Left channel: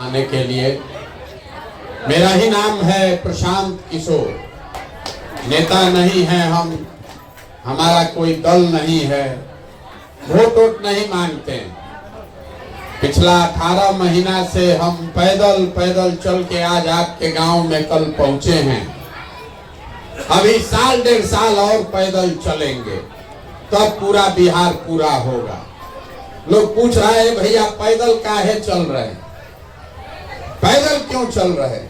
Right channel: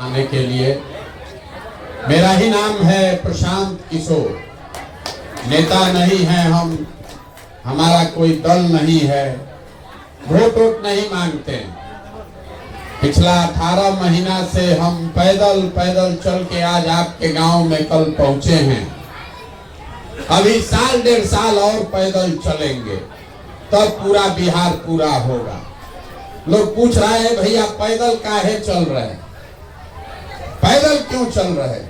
आने के लिए। मेरा ही नाम है प्रशांत किशोर। नेता नहीं है हम, हमारा कोई दल नहीं है, वोट वोट नहीं मांगते। पिछला 18 महीना से हम पैदल पैदल चल के आज आपके गांव में कल पहुंचे हैं। अभी साल 1.5 साल और पैदल चलेंगे, तब पूरा बिहार पूरा होगा। लोग पूछ रहे हैं भैया पैदल काहे चल रहे हैं, पैदल क्यों चल रहे हैं?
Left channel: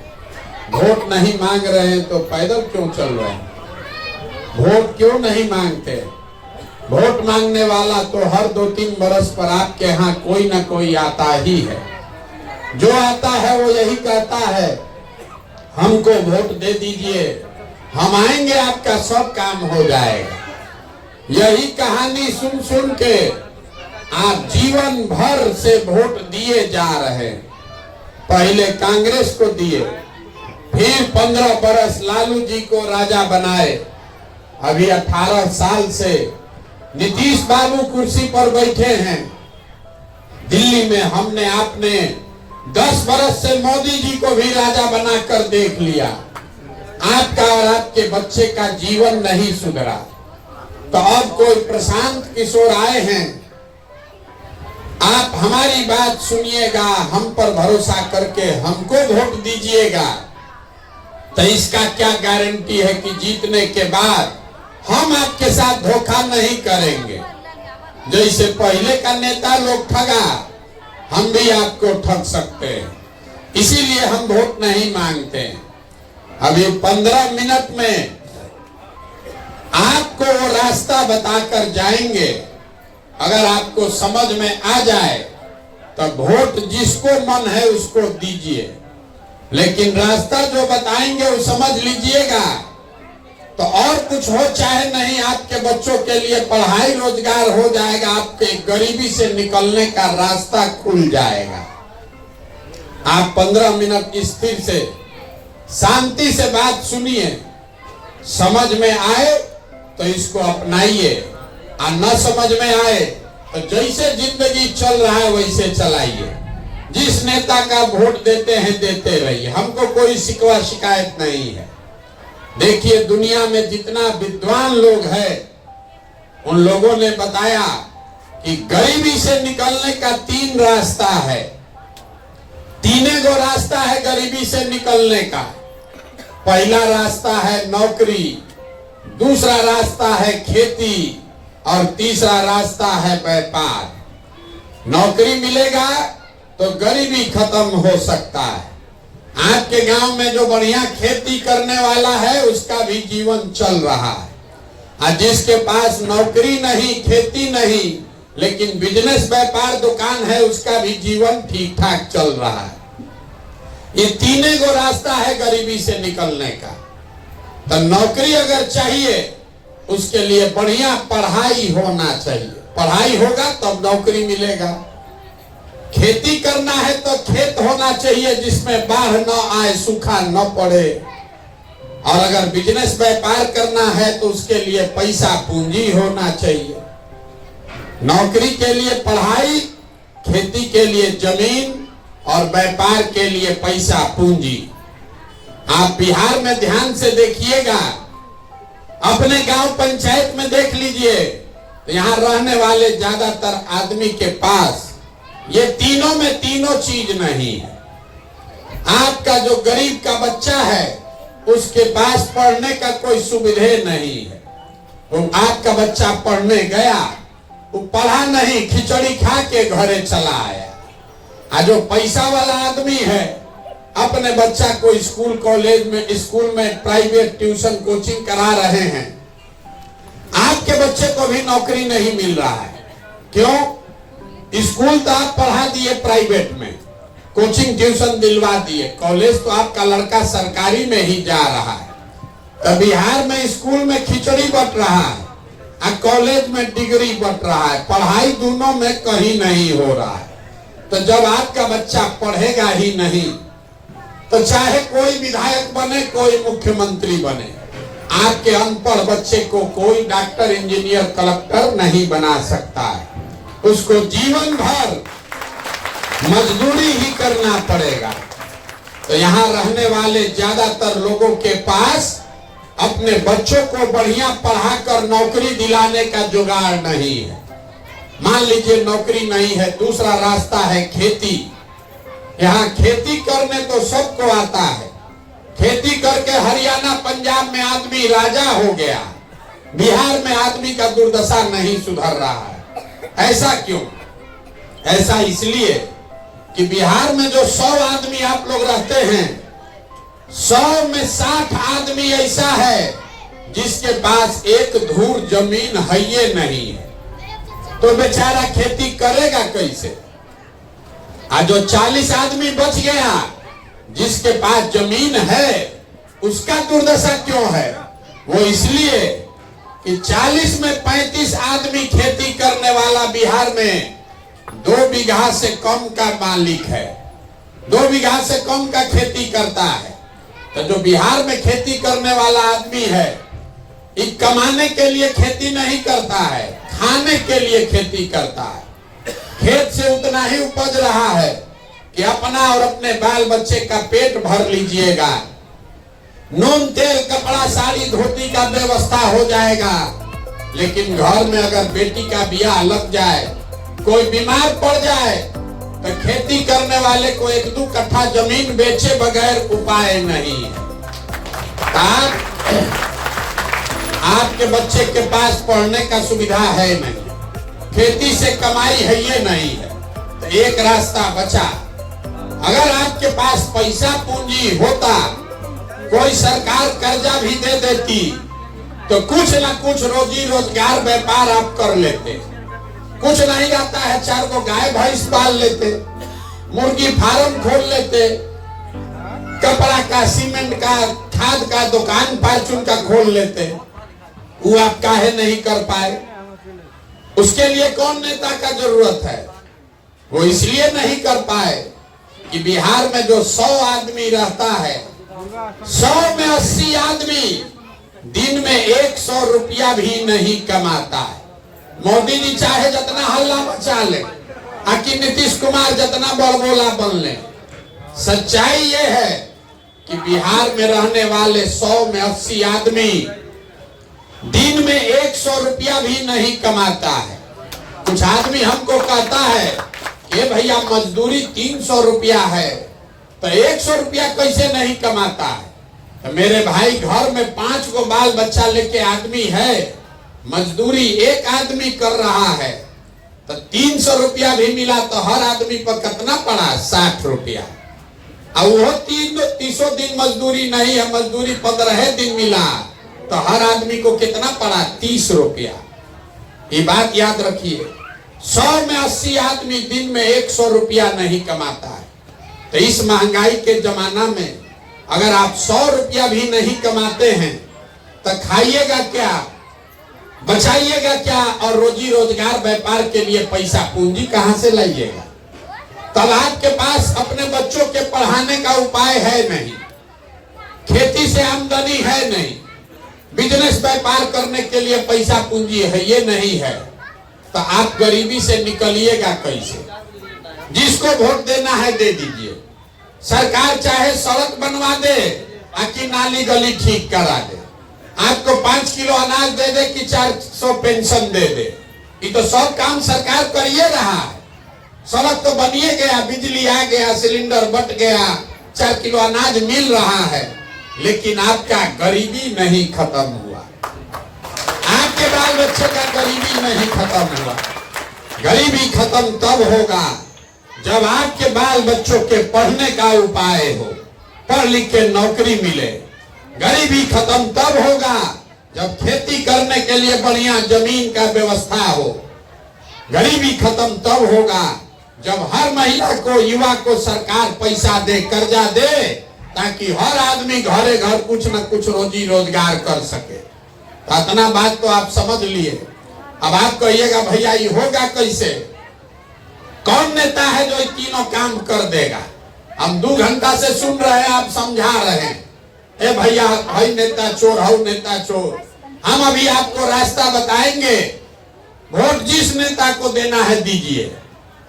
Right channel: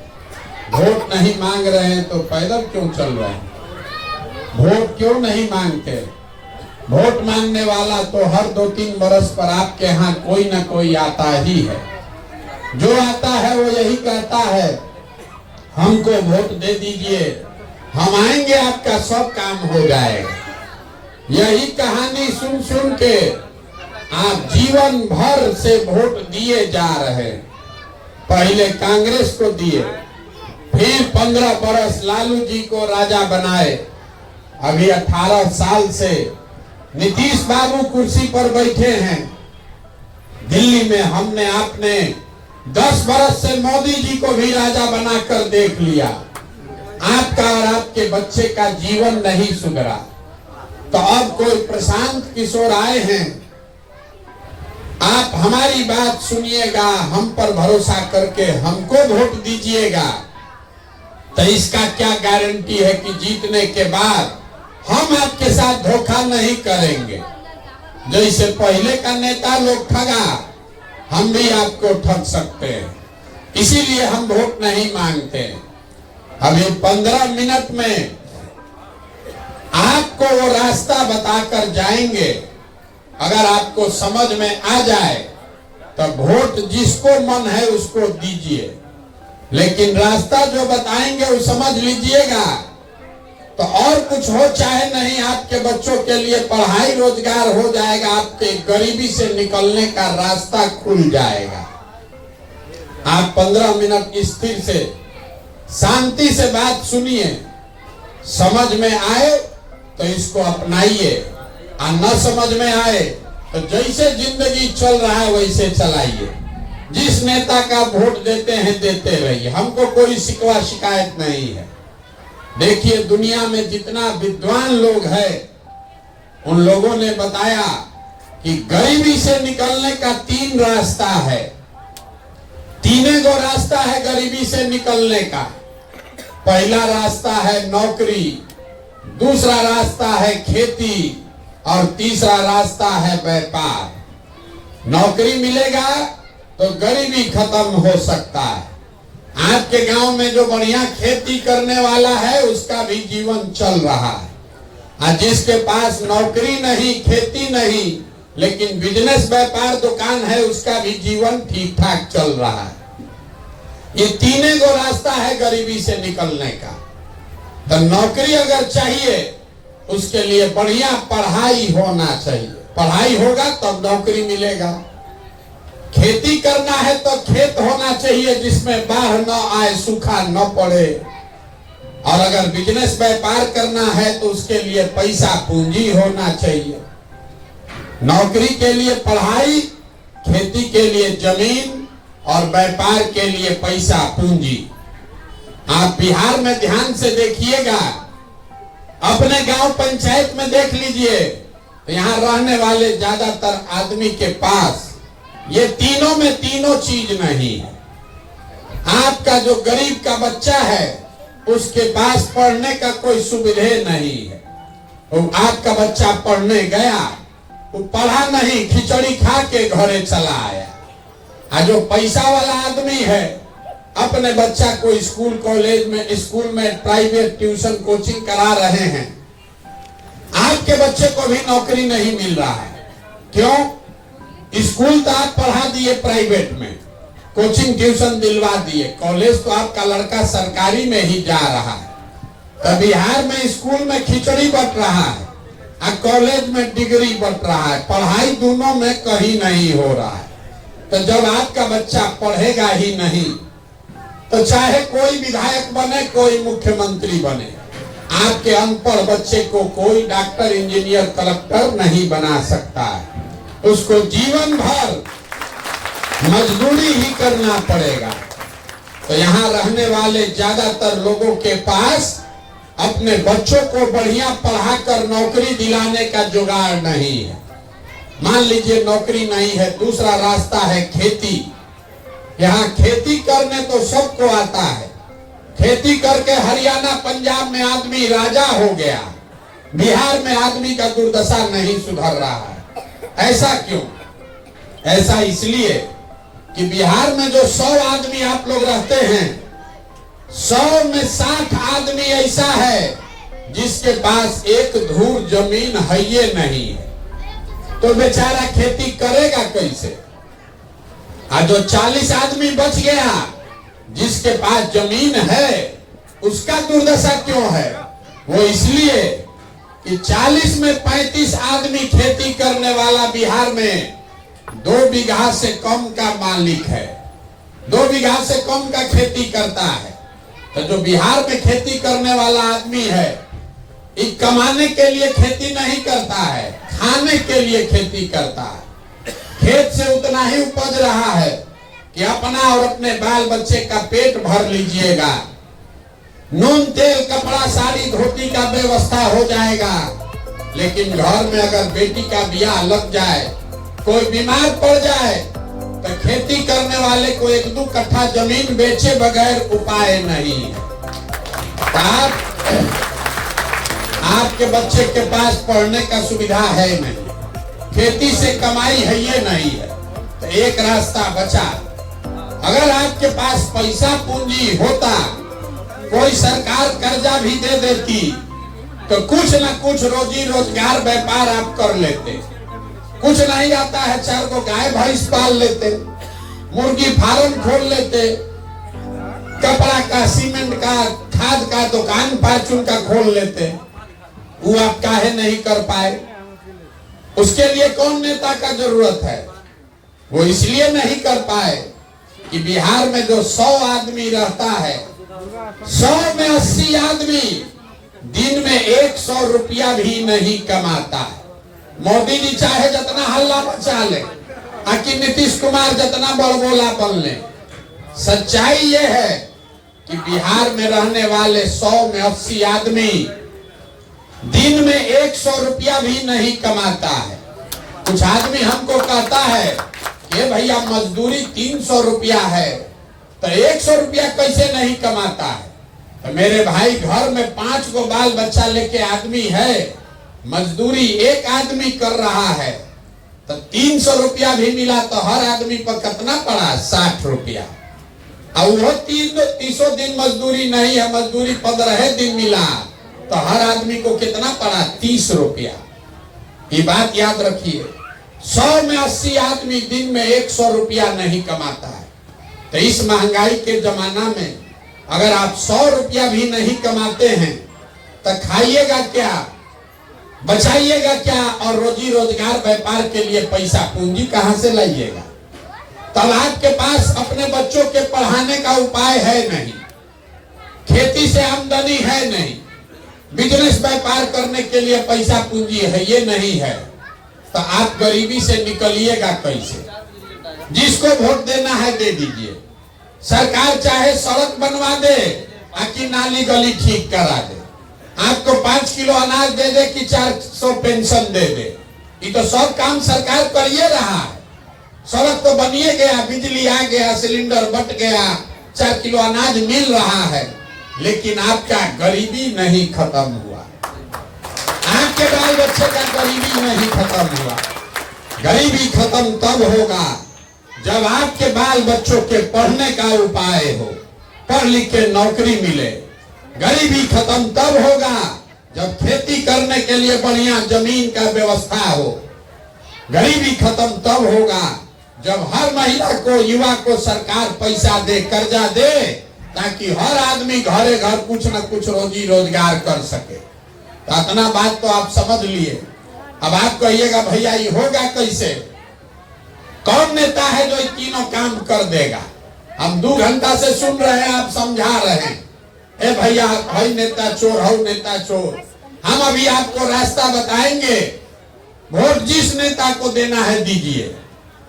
वोट नहीं मांग रहे हैं तो पैदल क्यों चल रहे हैं? वोट क्यों नहीं मांगते? वोट मांगने वाला तो हर 2-3 बरस पर आपके यहाँ कोई ना कोई आता ही है। जो आता है वो यही कहता है हमको वोट दे दीजिए, हम आएंगे, आपका सब काम हो जाएगा। यही कहानी सुन सुन के आप जीवन भर से वोट दिए जा रहे हैं। पहले कांग्रेस को दिए, फिर 15 बरस लालू जी को राजा बनाए। अभी 18 साल से नीतीश बाबू कुर्सी पर बैठे हैं। दिल्ली में हमने आपने 10 बरस से मोदी जी को भी राजा बनाकर देख लिया। आपका और आपके बच्चे का जीवन नहीं सुधरा, तो अब कोई प्रशांत किशोर आए हैं। आप हमारी बात सुनिएगा, हम पर भरोसा करके हमको वोट दीजिएगा, तो इसका क्या गारंटी है कि जीतने के बाद हम आपके साथ धोखा नहीं करेंगे। जैसे पहले का नेता लोग ठगा, हम भी आपको ठग सकते हैं। इसीलिए हम वोट नहीं मांगते। अब ये 15 मिनट में आपको वो रास्ता बताकर जाएंगे। अगर आपको समझ में आ जाए तो वोट जिसको मन है उसको दीजिए, लेकिन रास्ता जो बताएंगे वो समझ लीजिएगा। तो और कुछ हो चाहे नहीं, आपके बच्चों के लिए पढ़ाई रोजगार हो जाएगा, आपके गरीबी से निकलने का रास्ता खुल जाएगा। आप 15 मिनट स्थिर से शांति से बात सुनिए, समझ में आए तो इसको अपनाइए, और न समझ में आए तो जैसे जिंदगी चल रहा है वैसे चलाइए। जिस नेता का वोट देते हैं देते रहिए, हमको कोई शिकवा शिकायत नहीं है। देखिए दुनिया में जितना विद्वान लोग हैं, उन लोगों ने बताया कि गरीबी से निकलने का 3 रास्ता है। 3 गो रास्ता है गरीबी से निकलने का। पहला रास्ता है नौकरी, दूसरा रास्ता है खेती, और तीसरा रास्ता है व्यापार। नौकरी मिलेगा तो गरीबी खत्म हो सकता है। आपके गांव में जो बढ़िया खेती करने वाला है उसका भी जीवन चल रहा है, और जिसके पास नौकरी नहीं, खेती नहीं, लेकिन बिजनेस व्यापार दुकान है, उसका भी जीवन ठीक ठाक चल रहा है। ये 3 गो रास्ता है गरीबी से निकलने का। तो नौकरी अगर चाहिए उसके लिए बढ़िया पढ़ाई होना चाहिए, पढ़ाई होगा तब नौकरी मिलेगा। खेती करना है तो खेत होना चाहिए जिसमें बाढ़ न आए, सूखा न पड़े। और अगर बिजनेस व्यापार करना है तो उसके लिए पैसा पूंजी होना चाहिए। नौकरी के लिए पढ़ाई, खेती के लिए जमीन, और व्यापार के लिए पैसा पूंजी। आप बिहार में ध्यान से देखिएगा, अपने गांव पंचायत में देख लीजिए, यहाँ रहने वाले ज्यादातर आदमी के पास ये तीनों में तीनों चीज नहीं है। आपका जो गरीब का बच्चा है उसके पास पढ़ने का कोई सुविधा नहीं है। वो आपका बच्चा पढ़ने गया, वो पढ़ा नहीं, खिचड़ी खा के घरे चला आया। और जो पैसा वाला आदमी है अपने बच्चा को स्कूल कॉलेज में, स्कूल में प्राइवेट ट्यूशन कोचिंग करा रहे हैं। आपके बच्चे को भी नौकरी नहीं मिल रहा है। क्यों? स्कूल तो आप पढ़ा दिए प्राइवेट में, कोचिंग ट्यूशन दिलवा दिए, कॉलेज तो आपका लड़का सरकारी में ही जा रहा है। तो बिहार में स्कूल में खिचड़ी बट रहा है और कॉलेज में डिग्री बट रहा है, पढ़ाई दोनों में कहीं नहीं हो रहा है। तो जब आपका बच्चा पढ़ेगा ही नहीं तो चाहे कोई विधायक बने, कोई मुख्यमंत्री बने, आपके अनपढ़ बच्चे को कोई डॉक्टर, इंजीनियर, कलेक्टर नहीं बना सकता है। उसको जीवन भर मजदूरी ही करना पड़ेगा। तो यहाँ रहने वाले ज्यादातर लोगों के पास अपने बच्चों को बढ़िया पढ़ाकर नौकरी दिलाने का जुगाड़ नहीं है। मान लीजिए नौकरी नहीं है, दूसरा रास्ता है खेती। यहाँ खेती करने तो सबको आता है। खेती करके हरियाणा पंजाब में आदमी राजा हो गया, बिहार में आदमी का दुर्दशा नहीं सुधर रहा है। ऐसा क्यों? ऐसा इसलिए कि बिहार में जो 100 आदमी आप लोग रहते हैं, 100 में 60 आदमी ऐसा है जिसके पास एक धूर जमीन है ये नहीं है। तो बेचारा खेती करेगा कैसे? आज जो 40 आदमी बच गया जिसके पास जमीन है, उसका दुर्दशा क्यों है? वो इसलिए कि 40 में 35 आदमी खेती करने वाला बिहार में 2 बीघा से कम का मालिक है, 2 बीघा से कम का खेती करता है। तो जो बिहार में खेती करने वाला आदमी है, ये कमाने के लिए खेती नहीं करता है, खाने के लिए खेती करता है। खेत से उतना ही उपज रहा है कि अपना और अपने बाल बच्चे का पेट भर लीजिएगा। नून तेल कपड़ा साड़ी धोती का व्यवस्था हो जाएगा। लेकिन घर में अगर बेटी का ब्याह लग जाए, कोई बीमार पड़ जाए, तो खेती करने वाले को 1-2 कट्ठा जमीन बेचे बगैर उपाय नहीं है। आपके बच्चे के पास पढ़ने का सुविधा है नहीं, खेती से कमाई है ये नहीं है, तो एक रास्ता बचा। अगर आपके पास पैसा पूंजी होता, कोई सरकार कर्जा भी दे देती, तो कुछ न कुछ रोजी रोजगार व्यापार आप कर लेते। कुछ नहीं आता है, 4 को गाय भैंस पाल लेते, मुर्गी फार्म खोल लेते, कपड़ा का, सीमेंट का, खाद का दुकान फार्चून का खोल लेते। वो आप काहे नहीं कर पाए? उसके लिए कौन नेता का जरूरत है? वो इसलिए नहीं कर पाए कि बिहार में जो 100 आदमी रहता है, 100 में 80 आदमी दिन में 100 रुपया भी नहीं कमाता है। मोदी जी चाहे जितना हल्ला मचा ले, आकि नीतीश कुमार जितना बड़बोला बन ले, सच्चाई ये है कि बिहार में रहने वाले 100 में 80 आदमी दिन में 100 रुपया भी नहीं कमाता है। कुछ आदमी हमको कहता है कि भैया मजदूरी 300 रुपया है, तो 100 रुपया कैसे नहीं कमाता है? तो मेरे भाई, घर में 5 को बाल बच्चा लेके आदमी है, मजदूरी एक आदमी कर रहा है, तो 300 रुपया भी मिला तो हर आदमी पर कितना पड़ा? 60 रुपया। और वो 300 दिन मजदूरी नहीं है, मजदूरी 15 दिन मिला, तो हर आदमी को कितना पड़ा? 30 रुपया। ये बात याद रखिए, 100 में 80 आदमी दिन में 100 रुपया नहीं कमाता है। तो इस महंगाई के जमाना में अगर आप 100 रुपया भी नहीं कमाते हैं, तो खाइएगा क्या, बचाइएगा क्या, और रोजी रोजगार व्यापार के लिए पैसा पूंजी कहां से लाइएगा? तब आपके पास अपने बच्चों के पढ़ाने का उपाय है नहीं, खेती से आमदनी है नहीं, बिजनेस व्यापार करने के लिए पैसा पूंजी है ये नहीं है, तो आप गरीबी से निकलिएगा कैसे? जिसको वोट देना है दे दीजिए। सरकार चाहे सड़क बनवा दे, आकि नाली गली ठीक करा दे, आपको 5 किलो अनाज दे दे कि 400 पेंशन दे दे, ये तो सब काम सरकार करिए रहा है। सड़क तो बनिए गया, बिजली आ गया, सिलेंडर बट गया, 4 किलो अनाज मिल रहा है, लेकिन आपका गरीबी नहीं खत्म हुआ, आपके बाल बच्चे का गरीबी नहीं खत्म हुआ। गरीबी खत्म तब होगा जब आपके बाल बच्चों के पढ़ने का उपाय हो, पढ़ लिख के नौकरी मिले। गरीबी खत्म तब होगा जब खेती करने के लिए बढ़िया जमीन का व्यवस्था हो। गरीबी खत्म तब होगा जब हर महिला को, युवा को सरकार पैसा दे, कर्जा दे, ताकि हर आदमी घरे घर कुछ न कुछ रोजी रोजगार कर सके। तो इतना बात तो आप समझ लिए। अब आप कहिएगा भैया ये होगा कैसे? कौन नेता है जो ये तीनों काम कर देगा? हम 2 घंटा से सुन रहे हैं, आप समझा रहे हैं, ए भैया भाई नेता चोर, हऊ नेता चोर। हम अभी आपको रास्ता बताएंगे, वोट जिस नेता को देना है दीजिए,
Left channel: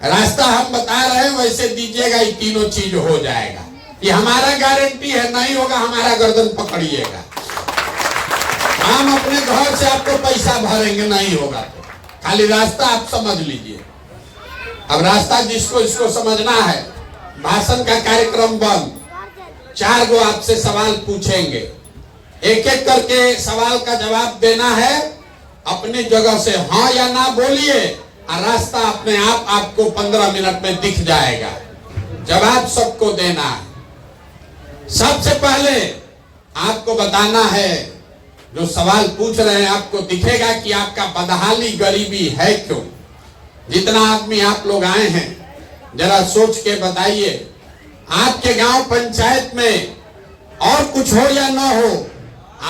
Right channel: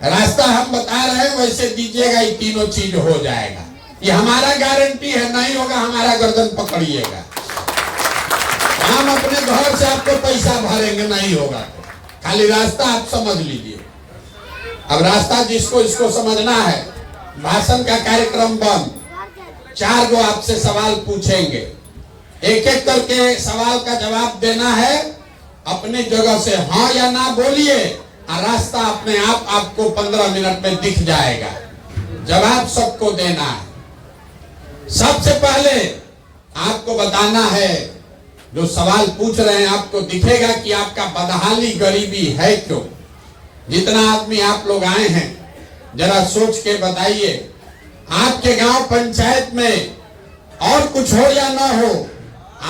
रास्ता हम बता रहे हैं वैसे दीजिएगा, ये तीनों चीज हो जाएगा। ये हमारा गारंटी है, नहीं होगा हमारा गर्दन पकड़िएगा। हम अपने घर से आपको पैसा भरेंगे, नहीं होगा तो खाली रास्ता आप समझ लीजिए। अब रास्ता जिसको इसको समझना है, भाषण का कार्यक्रम बंद। 4 गो आपसे सवाल पूछेंगे, एक एक करके सवाल का जवाब देना है। अपनी जगह से हाँ या ना बोलिए और रास्ता अपने आप आपको 15 मिनट में दिख जाएगा। जवाब सबको देना है। सबसे पहले आपको बताना है, जो सवाल पूछ रहे हैं आपको दिखेगा कि आपका बदहाली गरीबी है क्यों। जितना आदमी आप लोग आए हैं जरा सोच के बताइए, आपके गांव पंचायत में और कुछ हो या ना हो,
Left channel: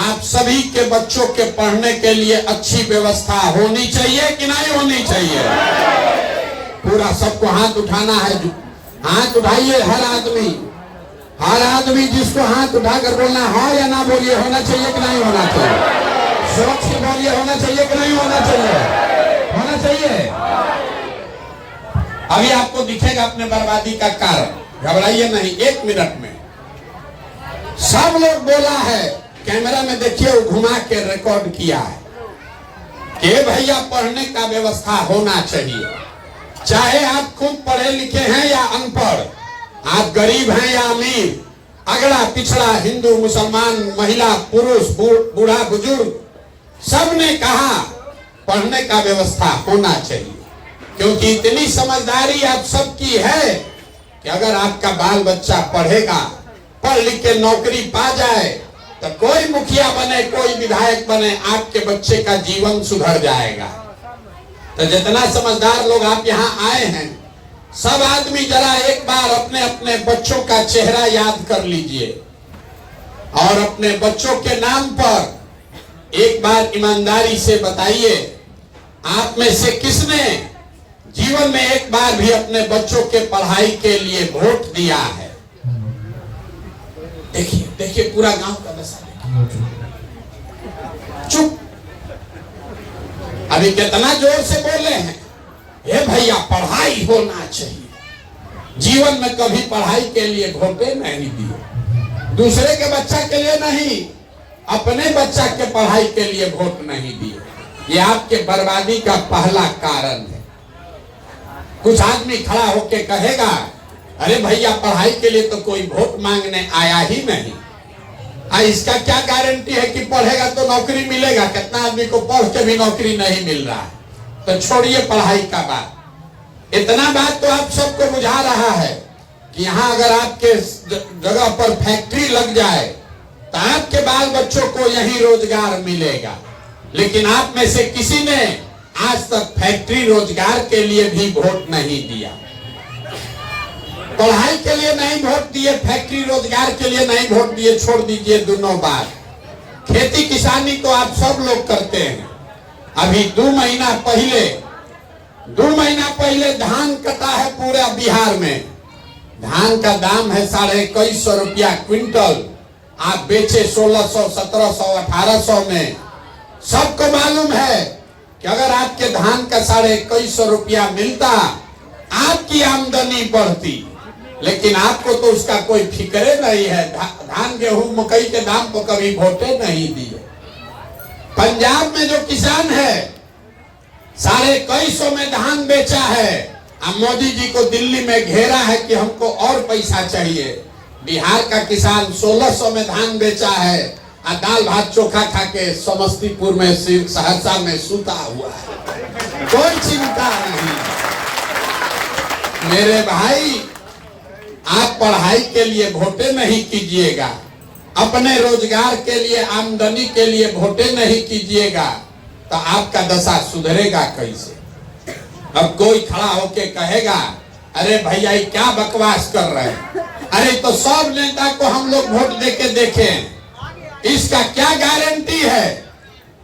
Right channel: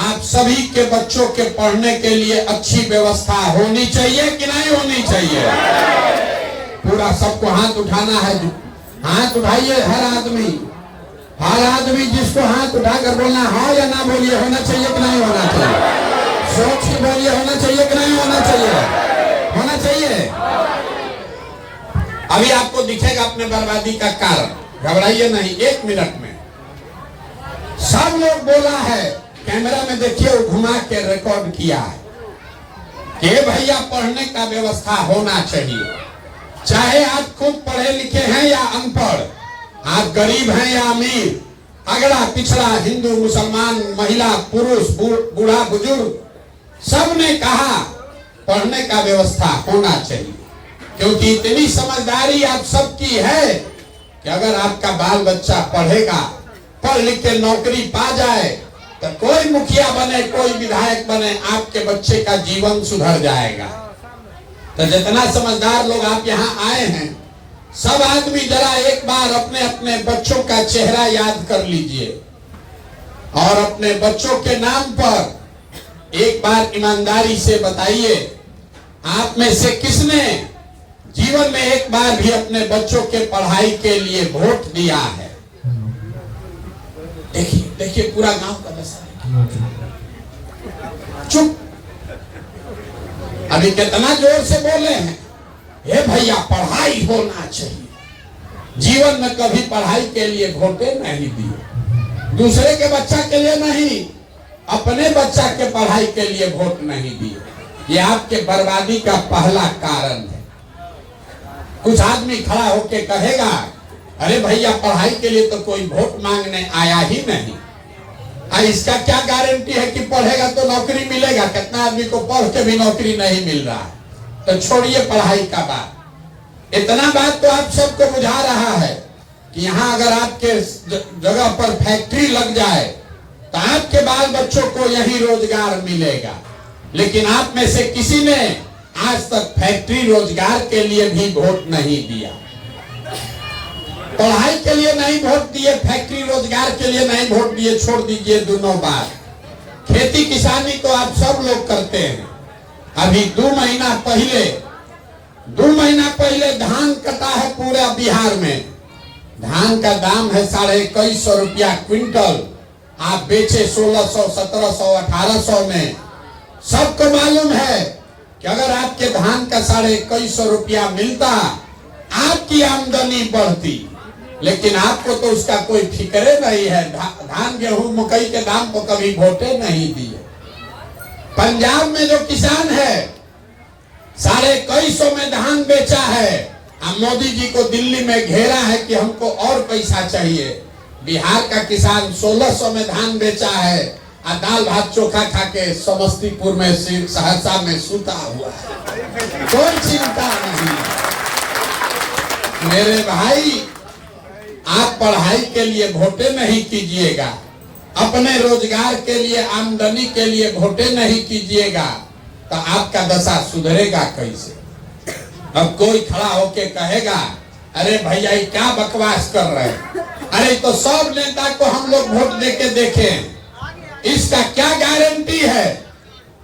आप सभी के बच्चों के पढ़ने के लिए अच्छी व्यवस्था होनी चाहिए कि नहीं होनी चाहिए। पूरा सबको हाथ उठाना है, हाथ उठाइए हर आदमी जिसको हाथ उठाकर बोलना हाँ या ना बोलिए, होना चाहिए कि नहीं होना चाहिए। सोच के बोलिए, होना चाहिए कि नहीं होना चाहिए। होना चाहिए। अभी आपको दिखेगा अपने बर्बादी का कारण, घबराइए नहीं। 1 मिनट में सब लोग बोला है, कैमरा में देखिए, घुमा के रिकॉर्ड किया है कि भैया पढ़ने का व्यवस्था होना चाहिए। चाहे आप खुद पढ़े लिखे हैं या अनपढ़, आप गरीब हैं या अमीर, अगड़ा पिछड़ा, हिंदू मुसलमान, महिला पुरुष, बूढ़ा बुजुर्ग, सब ने कहा पढ़ने का व्यवस्था होना चाहिए। क्योंकि इतनी समझदारी आप सबकी है कि अगर आपका बाल बच्चा पढ़ेगा, पढ़ लिख के नौकरी पा जाए, तो कोई मुखिया बने, कोई विधायक बने, आपके बच्चे का जीवन सुधर जाएगा। तो जितना समझदार लोग आप यहाँ आए हैं, सब आदमी जरा एक बार अपने अपने बच्चों का चेहरा याद कर लीजिए और अपने बच्चों के नाम पर एक बार ईमानदारी से बताइए, आप में से किसने जीवन में एक बार भी अपने बच्चों के पढ़ाई के लिए वोट दिया है। देखिए देखिए, पूरा गांव का दशा। चुप। अभी कितना जोर से बोले हैं, हे भैया पढ़ाई होना चाहिए। जीवन में कभी पढ़ाई के लिए वोटे नहीं दिए, दूसरे के बच्चा के लिए नहीं, अपने बच्चा के पढ़ाई के लिए वोट नहीं दिए। ये आपके बर्बादी का पहला कारण है। कुछ आदमी खड़ा होके कहेगा, अरे भैया पढ़ाई के लिए तो कोई वोट मांगने आया ही नहीं। इसका क्या गारंटी है कि पढ़ेगा तो नौकरी मिलेगा। कितना आदमी को पढ़ के भी नौकरी नहीं मिल रहा। तो छोड़िए पढ़ाई का बात। इतना बात तो आप सबको बुझा रहा है कि यहाँ अगर आपके जगह पर फैक्ट्री लग जाए तो आपके बाल बच्चों को यही रोजगार मिलेगा। लेकिन आप में से किसी ने आज तक फैक्ट्री रोजगार के लिए भी वोट नहीं दिया। पढ़ाई के लिए नहीं वोट दिए, फैक्ट्री रोजगार के लिए नहीं वोट दिए, छोड़ दीजिए दोनों बात। खेती किसानी तो आप सब लोग करते हैं। अभी 2 महीना पहले धान कटा है पूरा बिहार में। धान का दाम है 2150 रुपया क्विंटल। आप बेचे 1600, 1700, 1800 में। सबको मालूम है कि अगर आपके धान का 2150 रुपया मिलता, आपकी आमदनी बढ़ती। लेकिन आपको तो उसका कोई फिक्र नहीं है। धान गेहूं मकई के दाम पर कभी वोटे नहीं दिए। पंजाब में जो किसान है 2150 में धान बेचा है। अब मोदी जी को दिल्ली में घेरा है कि हमको और पैसा चाहिए। बिहार का किसान 1600 में धान बेचा है और दाल भात चोखा खा के समस्तीपुर में, सहरसा में सूता हुआ है। कोई चिंता नहीं। मेरे भाई, आप पढ़ाई के लिए वोटे नहीं कीजिएगा, अपने रोजगार के लिए, आमदनी के लिए वोटे नहीं कीजिएगा, तो आपका दशा सुधरेगा कैसे। अब कोई खड़ा होके कहेगा, अरे भैया ये क्या बकवास कर रहे हैं। अरे तो सब नेता को हम लोग वोट देके देखें, इसका क्या गारंटी है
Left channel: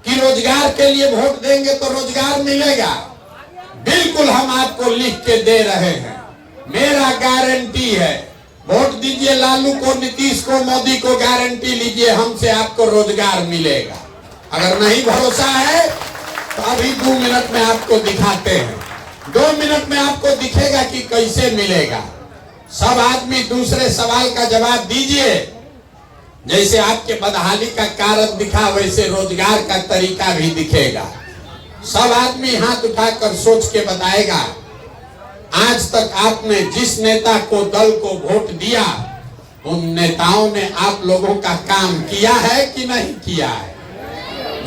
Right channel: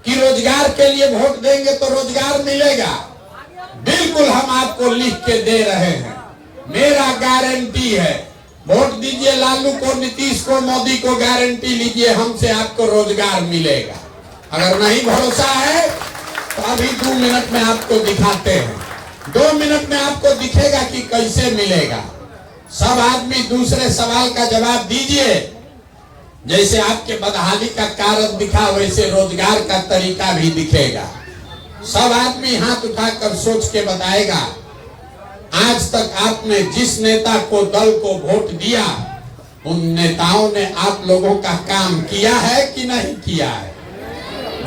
कि रोजगार के लिए वोट देंगे तो रोजगार मिलेगा। बिल्कुल हम आपको लिख के दे रहे हैं, मेरा गारंटी है। वोट दीजिए लालू को, नीतीश को, मोदी को, गारंटी लीजिए हमसे आपको रोजगार मिलेगा। अगर नहीं भरोसा है तो अभी 2 मिनट में आपको दिखाते हैं। 2 मिनट में आपको दिखेगा कि कैसे मिलेगा। सब आदमी दूसरे सवाल का जवाब दीजिए। जैसे आपके बदहाली का कारण दिखा वैसे रोजगार का तरीका भी दिखेगा। सब आदमी हाथ उठाकर सोच के बताएगा, आज तक आपने जिस नेता को, दल को वोट दिया, उन नेताओं ने आप लोगों का काम किया है कि नहीं किया है?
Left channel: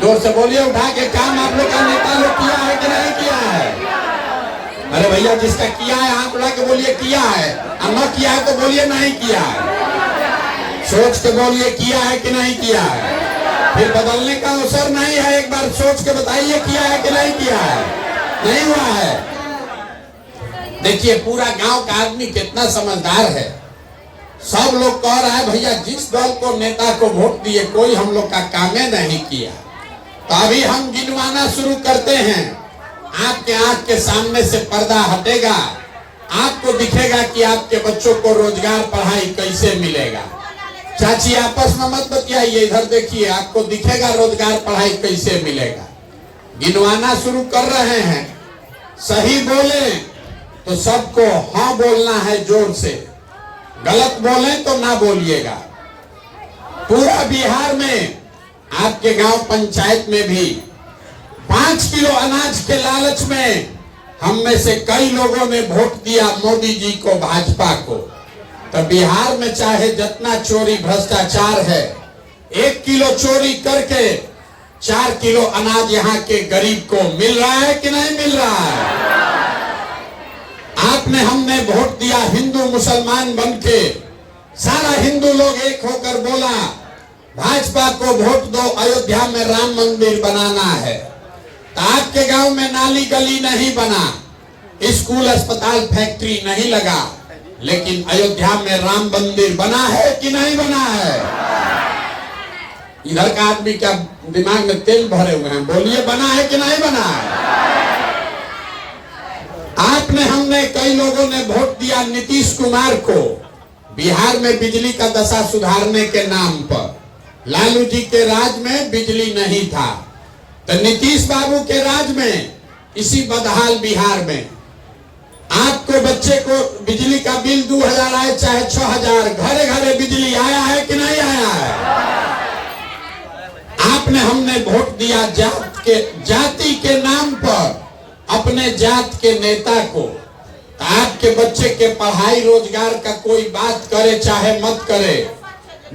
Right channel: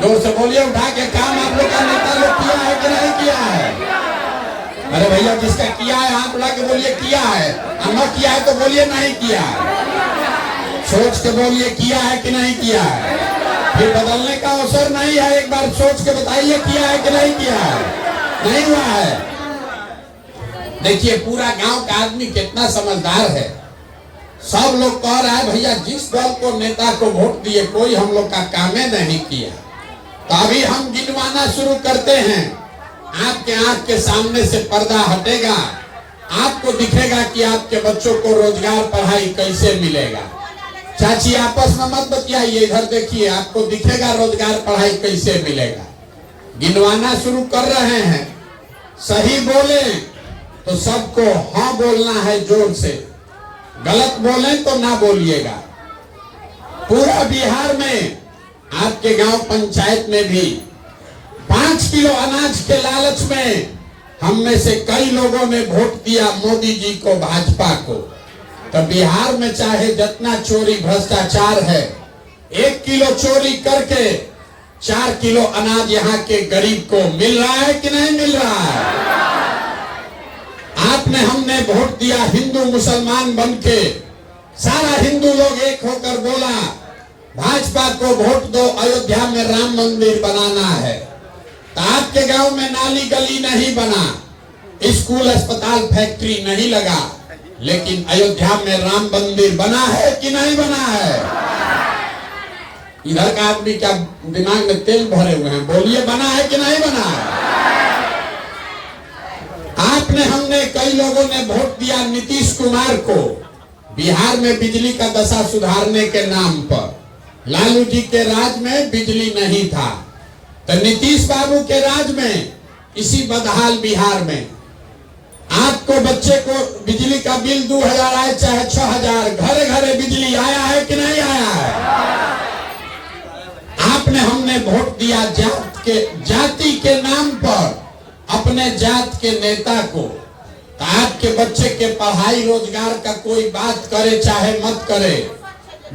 जोर से बोलिए, उठा के काम आप लोग का नेता लोग किया है कि नहीं किया है? अरे भैया, जिसका किया है हाथ उठा के बोलिए किया है, और न किया है तो बोलिए नहीं किया है। सोच के बोलिए किया है कि नहीं किया है। फिर बदलने का अवसर नहीं है, एक बार सोच के बताइए किया है कि नहीं किया है। नहीं हुआ है। देखिए पूरा गांव का आदमी कितना समझदार है। सब लोग कह रहा है भैया जिस दल को, नेता को वोट दिए, कोई हम लोग का कामे नहीं किया। तो अभी हम गिनवाना शुरू करते हैं। आपके आंख के सामने से पर्दा हटेगा, आपको दिखेगा कि आपके बच्चों को रोजगार, पढ़ाई कैसे मिलेगा। चाची आपस में मत बतियाइए, इधर देखिए, आपको दिखेगा रोजगार, पढ़ाई कैसे मिलेगा। गिनवाना शुरू कर रहे हैं। सही बोले तो सबको हाँ बोलना है जोर से, गलत बोले तो ना बोलिएगा। पूरा बिहार में आपके गांव पंचायत में भी 5 किलो अनाज के लालच में हम में से कई लोगों ने वोट दिया मोदी जी को, भाजपा को। तो बिहार में चाहे जितना चोरी भ्रष्टाचार है, 1 किलो चोरी करके 4 किलो अनाज यहाँ के गरीब को मिल रहा है कि नहीं मिल रहा है? आपने, हमने वोट दिया हिंदू मुसलमान बनके, सारा हिंदू लोग एक होकर बोला भाजपा को वोट दो, अयोध्या में राम मंदिर बनाना है। तो आपके गांव में नाली गली नहीं बना, स्कूल अस्पताल फैक्ट्री नहीं लगा, लेकिन अयोध्या में राम मंदिर बना है कि नहीं बना है? इधर का आदमी क्या दिमाग में तेल भरे हुए हैं? बोलिए बना है कि नहीं बना है? आपने, हमने, कई लोगों ने वोट दिया नीतीश कुमार को, बिहार में बिजली का दशा सुधारने के नाम पर। लालू जी के राज में बिजली नहीं था, तो नीतीश बाबू के राज में, इसी बदहाल बिहार में आपको, बच्चे को बिजली का बिल 2000 आए चाहे 6000, घरे घरे बिजली आया है कि नहीं आया है? आपने, हमने वोट दिया जाति के नाम पर अपने जात के नेता को। आपके बच्चे के पढ़ाई रोजगार का कोई बात करे चाहे मत करे,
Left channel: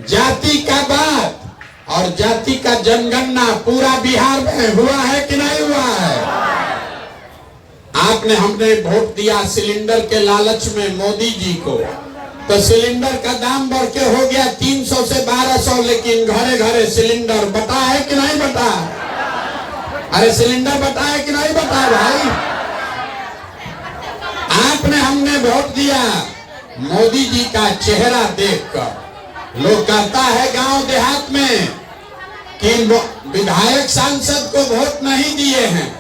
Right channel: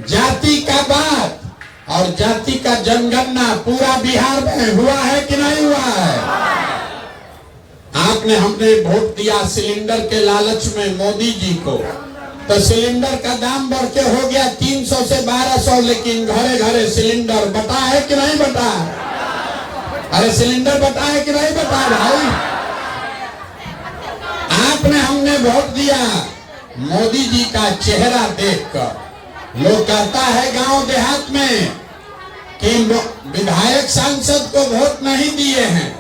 जाति का बात और जाति का जनगणना पूरा बिहार में हुआ है कि नहीं हुआ है? आपने, हमने वोट दिया सिलेंडर के लालच में मोदी जी को, तो सिलेंडर का दाम बढ़ के हो गया 300 से 1200, लेकिन घरे घरे सिलेंडर बटा है कि नहीं बटा? अरे सिलेंडर बटा है कि नहीं बटा भाई? आपने, हमने वोट दिया मोदी जी का चेहरा देखकर। लोग कहता है गांव देहात में कि विधायक सांसद को वोट नहीं दिए हैं,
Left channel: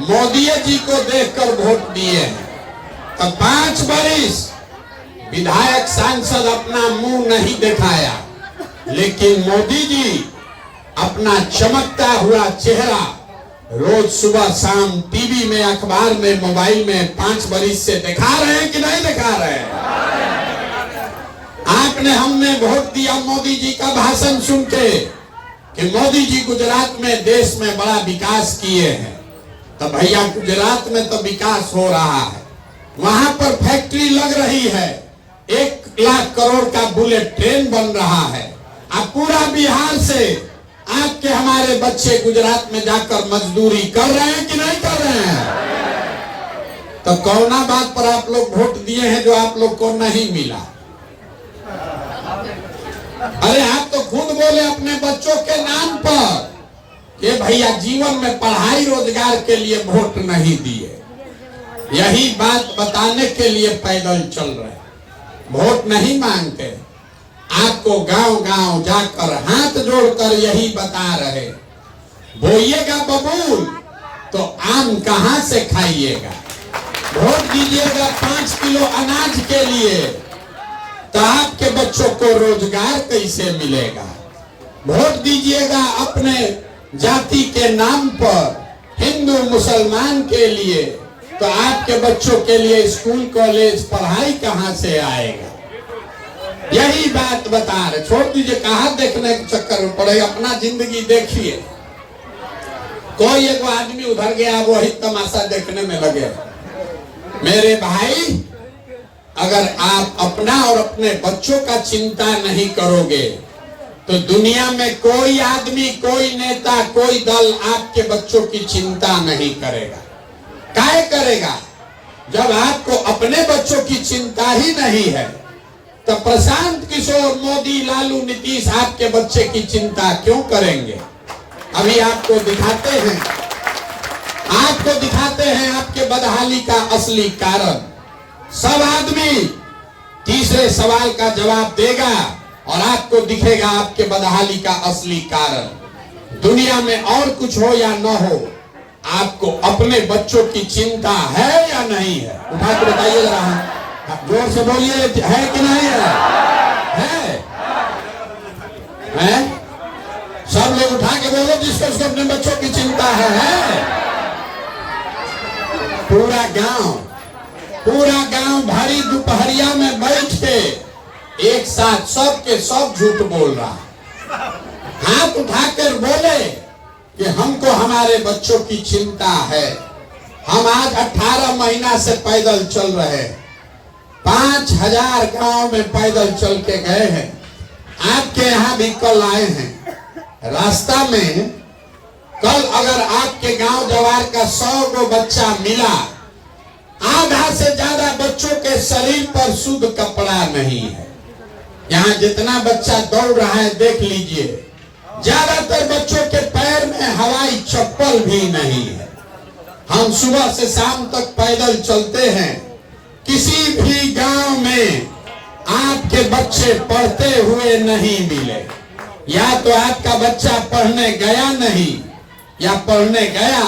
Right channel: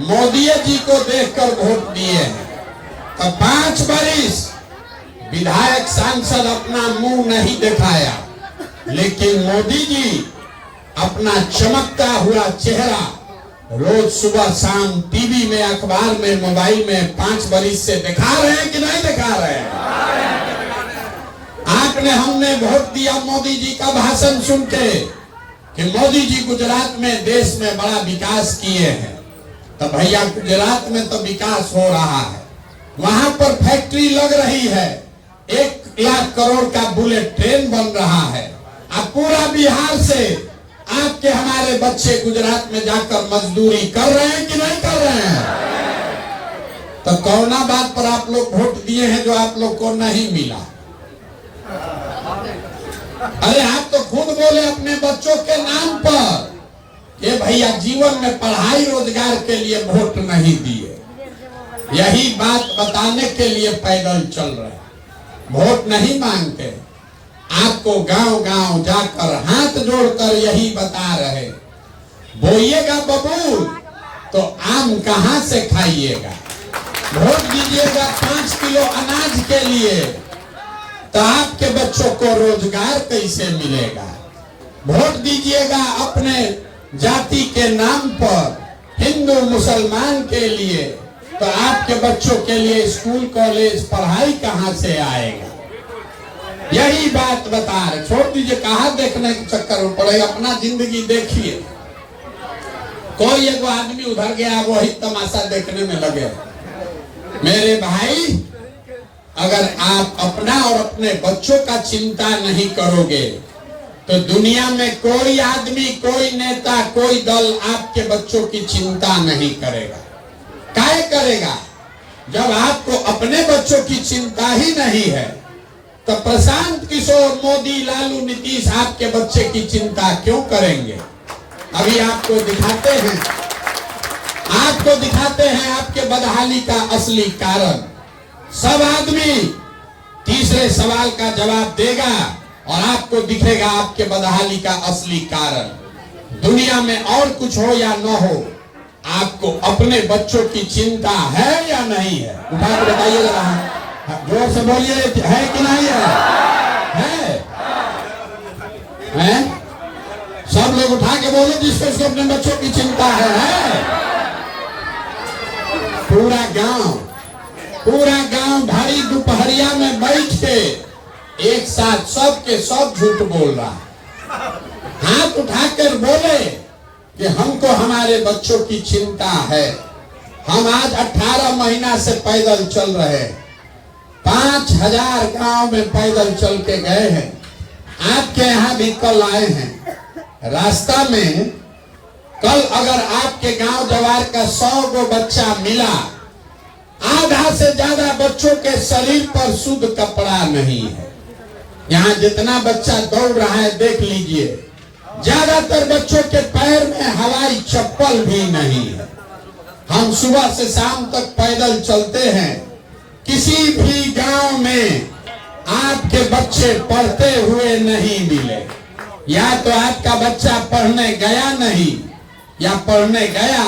मोदी जी को देखकर वोट दिए हैं। तो 5 बरिस विधायक सांसद अपना मुंह नहीं दिखाया, लेकिन मोदी जी अपना चमकता हुआ चेहरा रोज सुबह शाम टीवी में, अखबार में, मोबाइल में 5 बरिस से दिखा रहे हैं कि नहीं दिखा रहे हैं? आपने, हमने वोट दिया मोदी जी का भाषण सुन के कि मोदी जी गुजरात में, देश में बड़ा विकास किए हैं। तो भैया गुजरात में तो विकास हो रहा है, वहां पर फैक्ट्री लग रही है, 1 लाख करोड़ का बुलेट ट्रेन बन रहा है। अब पूरा बिहार से आपके, हमारे बच्चे गुजरात में जाकर मजदूरी कर रहे हैं कि नहीं कर रहे हैं? तो कौना बात पर आप लोग वोट दिए हैं जो आप लोग को नहीं मिला? अरे आप तो खुद बोले अपने बच्चों के नाम पर कि भैया जीवन में पढ़ाई रोजगार के लिए वोट नहीं दिए। यही बात बताने के लिए पैदल चल रहे, वोट नहीं मांगते। आपको गांव गांव जाकर हाथ जोड़कर यही बता रहे, बोइएगा बबूल तो आम कहां से खाइएगा। वोट दीजिएगा 5 किलो अनाज के लिए, तो आपके बच्चों को रोजगार कैसे मिलेगा? वोट दीजिएगा अपने जाति के नाम पर हिंदू मुसलमान के लिए, तो आपके बच्चों के लिए स्कूल कॉलेज पढ़ाई कहां से आएगा? यही बात बता रहे। छोड़ दीजिए कहां देखने के चक्कर में पड़े, अपना जिंदगी देखिए। कोई एक आदमी उधर गया, वही तमाशा देखने में लगे। मेरे भाई, अगर आप अपना और अपने बच्चों का चिंता नहीं करोगे तो दुनिया में कोई आदमी, कोई नेता, कोई दल आपके बच्चों की चिंता नहीं करेगा। काहे करेगा? जब आपको अपने बच्चों की चिंता ही नहीं है तो प्रशांत किशोर, मोदी, लालू, नीतीश आपके बच्चे की चिंता क्यों करेंगे? अभी आपको दिखाते हैं आपके बदहाली का असली कारण। सब आदमी तीसरे सवाल का जवाब देगा और आपको दिखेगा आपके बदहाली का असली कारण। दुनिया में और कुछ हो या न हो, आपको अपने बच्चों की चिंता है या नहीं है? उठा के बताइए जरा, जोर से बोलिए, है कि नहीं है? है? सब लोग उठा के बोलो जिसको अपने बच्चों की चिंता है। पूरा गांव भारी दोपहरिया में बैठ के एक साथ सबके सब झूठ बोल रहा। हाथ उठाकर बोले कि हमको हमारे बच्चों की चिंता है। हम आज 18 महीना से पैदल चल रहे हैं, 5000 गांव में पैदल चल के गए हैं। आपके यहाँ भी कल आए हैं। रास्ता में कल अगर आपके गांव जवार का 100 गो बच्चा मिला, आधा से ज्यादा बच्चों के शरीर पर शुद्ध कपड़ा नहीं है। यहाँ जितना बच्चा दौड़ रहा है देख लीजिए, ज्यादातर बच्चों के पैर में हवाई चप्पल भी नहीं है। हम सुबह से शाम तक पैदल चलते हैं। किसी भी गांव में आपके बच्चे पढ़ते हुए नहीं मिले। या तो आपका बच्चा पढ़ने गया नहीं, या पढ़ने गया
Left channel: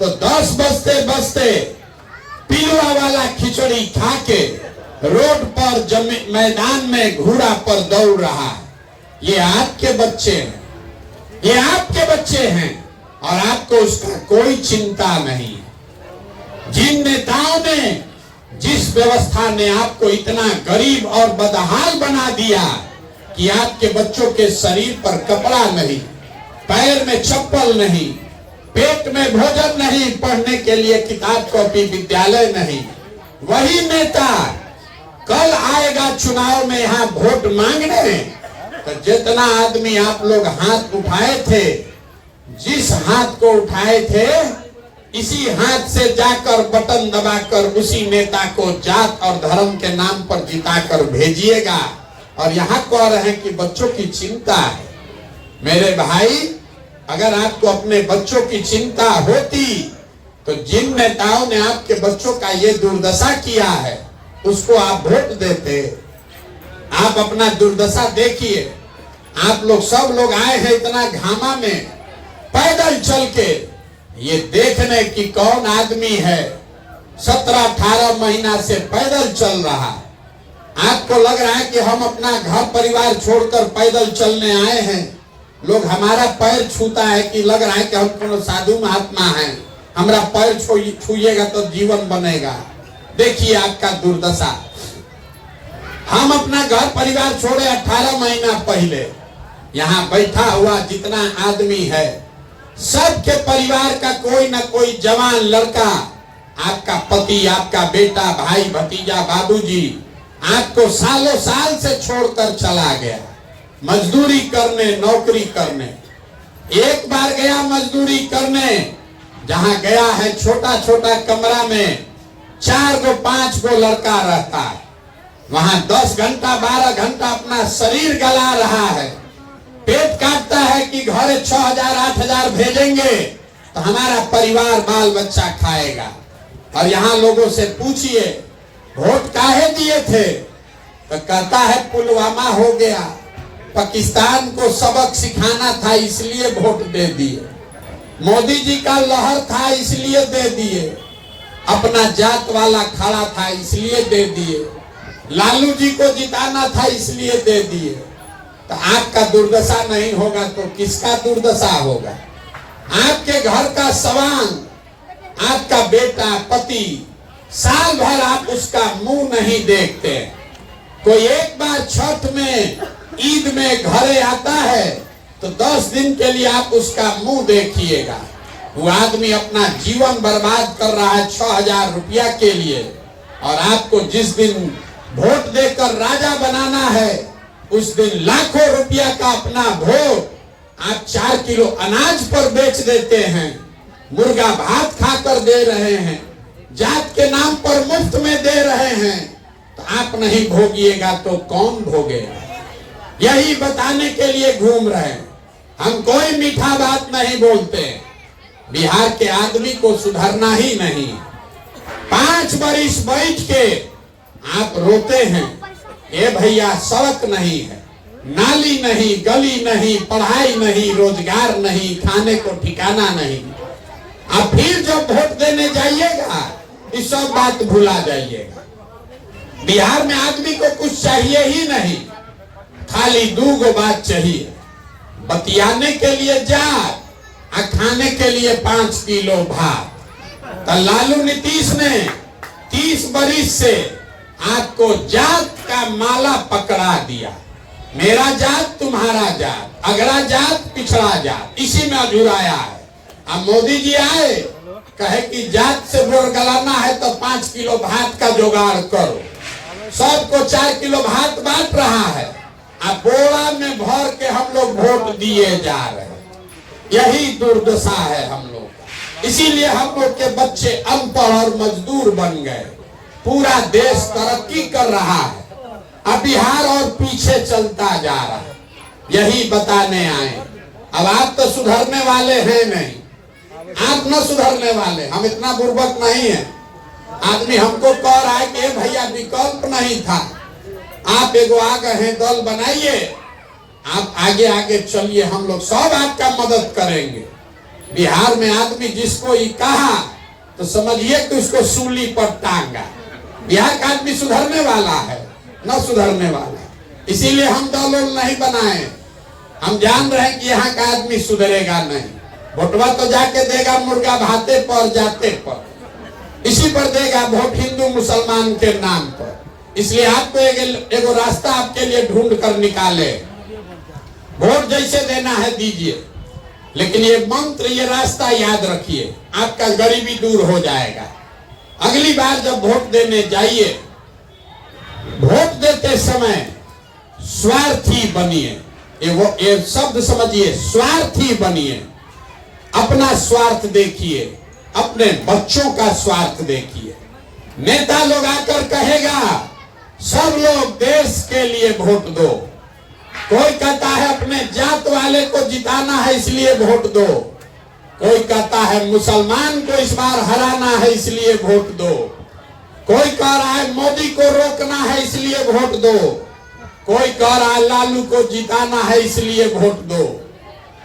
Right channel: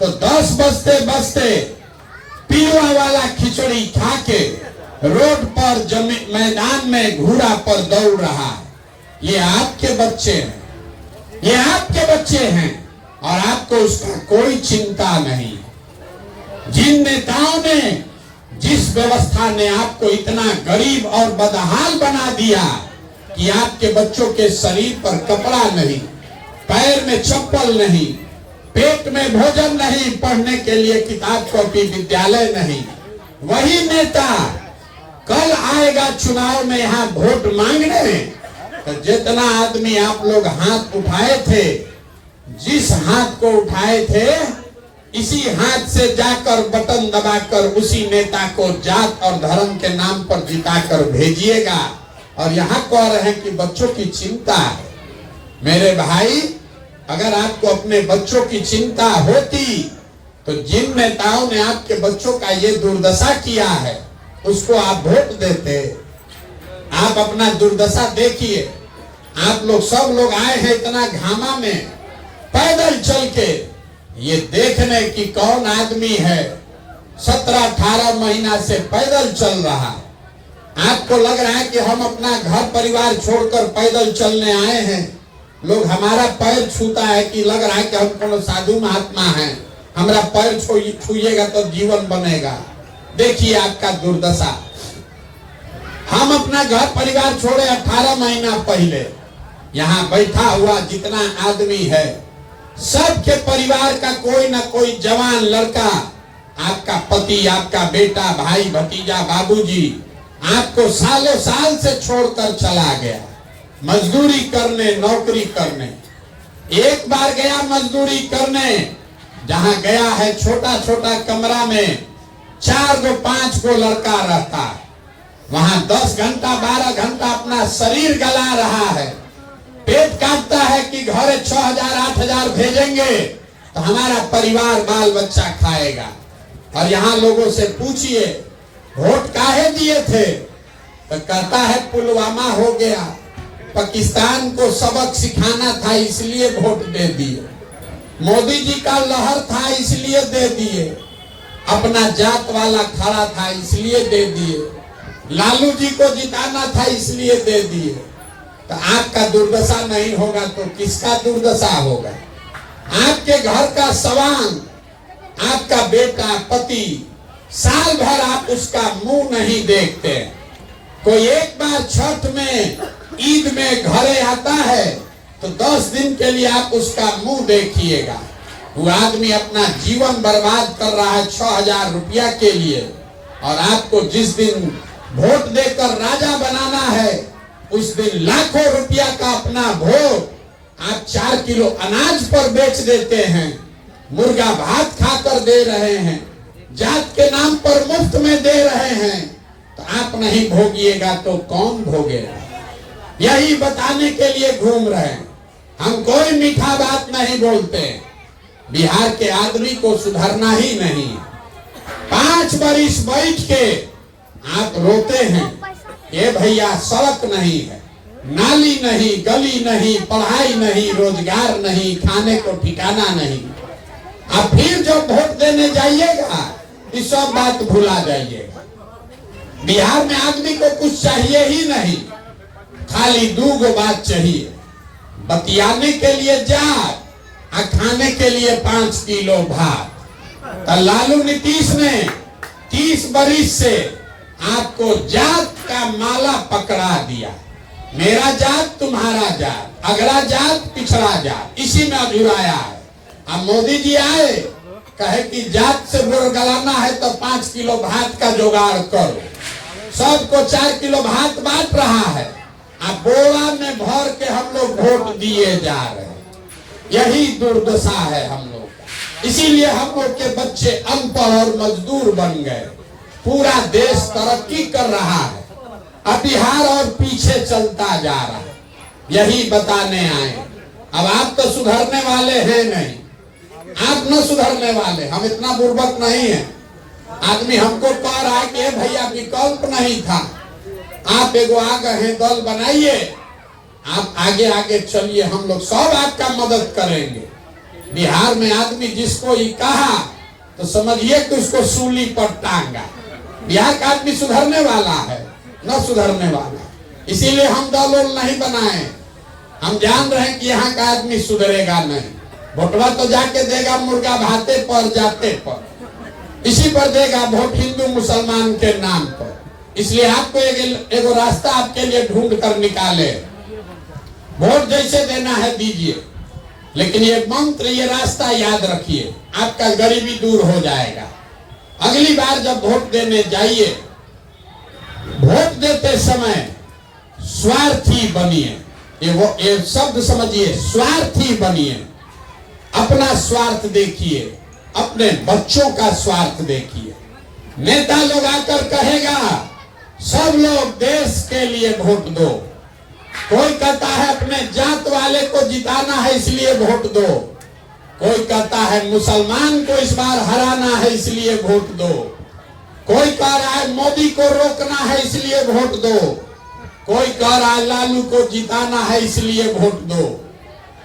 तो 10 बजते बजते पीला वाला खिचड़ी खा के रोड पर मैदान में घोड़ा पर दौड़ रहा है। ये आपके बच्चे हैं, ये आपके बच्चे हैं और आपको उसका कोई चिंता नहीं। जिन नेताओं ने, जिस व्यवस्था ने आपको इतना गरीब और बदहाल बना दिया कि आपके बच्चों के शरीर पर कपड़ा नहीं, पैर में चप्पल नहीं, पेट में भोजन नहीं, पढ़ने के लिए किताब कॉपी विद्यालय नहीं, वही नेता कल आएगा चुनाव में यहाँ वोट मांगने। तो जितना आदमी आप लोग हाथ उठाए थे, जिस हाथ को उठाए थे, इसी हाथ से जाकर बटन दबाकर उसी नेता को जात और धर्म के नाम पर जिताकर भेजिएगा। और यहाँ कह रहे हैं कि बच्चों की चिंता है। मेरे भाई, अगर आपको अपने बच्चों की चिंता होती तो जिन नेताओं ने आपके बच्चों का ये दुर्दशा किया है उसको आप वोट देते। आप अपना दुर्दशा देखिए। आप लोग सब लोग आए हैं इतना घामा में पैदल चल के, ये देखने की कौन आदमी है 17-18 महीना से पैदल चल रहा। आपको लग रहा है कि हम अपना घर परिवार छोड़कर पैदल चलने आए हैं, लोग हमारा पैर छूता है कि लग रहा है कि हम कोनो साधु महात्मा हैं, हमारा पैर छूइएगा तो जीवन बनेगा। देखिए आपका दुर्दशा। हम अपना घर परिवार छोड़े 18 महीना पहले, यहाँ बैठा हुआ जितना आदमी है सबके परिवार का कोई ना कोई जवान लड़का, आपका पति, आपका बेटा, भाई, भतीजा, बाबूजी आपको सालों साल से छोड़कर चला गया मजदूरी करने, नौकरी करने। एक बार गया मजदूरी करने, जहां गया है छोटा छोटा कमरा में 4 गो 5 गो लड़का रहता है, वहां 10 घंटा 12 घंटा अपना शरीर गला रहा है, पेट काटता है कि घर 6000 8000 भेजेंगे तो हमारा परिवार बाल बच्चा खाएगा। और यहाँ लोगों से पूछिए वोट काहे दिए थे, तो कहता है पुलवामा हो गया, पाकिस्तान को सबक सिखाना था इसलिए वोट दे दिए, मोदी जी का लहर था इसलिए दे दिए, अपना जात वाला खड़ा था इसलिए दे दिए, लालू जी को जिताना था इसलिए दे दिए। तो आपका दुर्दशा नहीं होगा तो किसका दुर्दशा होगा? आपके घर का सवांग आपका बेटा पति, साल भर आप उसका मुंह नहीं देखते। कोई एक बार छठ में, ईद में घरे आता है तो 10 दिन के लिए आप उसका मुंह देखिएगा। वो आदमी अपना जीवन बर्बाद कर रहा है 6,000 रुपया के लिए, और आपको जिस दिन वोट देकर राजा बनाना है उस दिन लाखों रुपया का अपना वोट आप 4 किलो अनाज पर बेच देते हैं, मुर्गा भात खाकर दे रहे हैं, जात के नाम पर मुफ्त में दे रहे हैं। तो आप नहीं भोगिएगा तो कौन भोगेगा? यही बताने के लिए घूम रहे हैं। हम कोई मीठा बात नहीं बोलते। बिहार के आदमी को सुधरना ही नहीं। 5 बरिस बैठ के आप रोते हैं, ये भैया सड़क नहीं है, नाली नहीं, गली नहीं, पढ़ाई नहीं, रोजगार नहीं, खाने को ठिकाना नहीं। अब फिर जब वोट देने जाइएगा इस सब बात भुला जाइएगा। बिहार में आदमी को कुछ चाहिए ही नहीं, खाली 2 बात चाहिए, बतियाने के लिए जात और खाने के लिए 5 किलो भात। तो लालू नीतीश ने 30 बरिस से आपको जात का माला पकड़ा दिया। मेरा जात, तुम्हारा जात, अगला जात, पिछड़ा जात, इसी में अधूराया है। अब मोदी जी आए, कहे कि जात से वोट गलाना है तो 5 किलो भात का जुगाड़ करो। सबको 4 किलो भात बांट रहा है, अब बोरा में भर के हम लोग वोट दिए जा रहे हैं। यही दुर्दशा है हम लोग का। इसीलिए हम लोग के बच्चे अनपढ़ और मजदूर बन गए। पूरा देश तरक्की कर रहा है, अब बिहार और पीछे चलता जा रहा है। यही बताने आए। अब आप तो सुधरने वाले हैं नहीं, आप न सुधरने वाले। हम इतना बुर्बक नहीं है। आदमी हमको कह रहा है कि भैया विकल्प नहीं था, आप एगो आ गए हैं, दल बनाइए, आप आगे आगे चलिए, हम लोग सब आपका मदद करेंगे। बिहार में आदमी जिसको ये कहा तो समझिए कि उसको सूली पर टांगा। बिहार का आदमी सुधरने वाला है न सुधरने वाला, इसीलिए हम दल नहीं बनाए। हम जान रहे हैं कि यहाँ का आदमी सुधरेगा नहीं। वोटवा तो जाके देगा मुर्गा भाते पर, जाते पर, इसी पर देगा वोट, हिंदू मुसलमान के नाम पर। इसलिए आपको एगो रास्ता आपके लिए ढूंढ कर निकाले। वोट जैसे देना है दीजिए, लेकिन ये मंत्र, ये रास्ता याद रखिए, आपका गरीबी दूर हो जाएगा। अगली बार जब वोट देने जाइए, वोट देते समय स्वार्थी बनिए। ये शब्द समझिए, स्वार्थी बनिए। अपना स्वार्थ देखिए, अपने बच्चों का स्वार्थ देखिए। नेता लोग आकर कहेगा सब लोग देश के लिए वोट दो, कोई कहता है अपने जात वाले को जिताना है इसलिए वोट दो, कोई कहता है मुसलमान को इस बार हराना है इसलिए वोट दो, कोई कह रहा है मोदी को रोकना है इसलिए वोट दो, कोई कह रहा है लालू को जिताना है इसलिए वोट दो।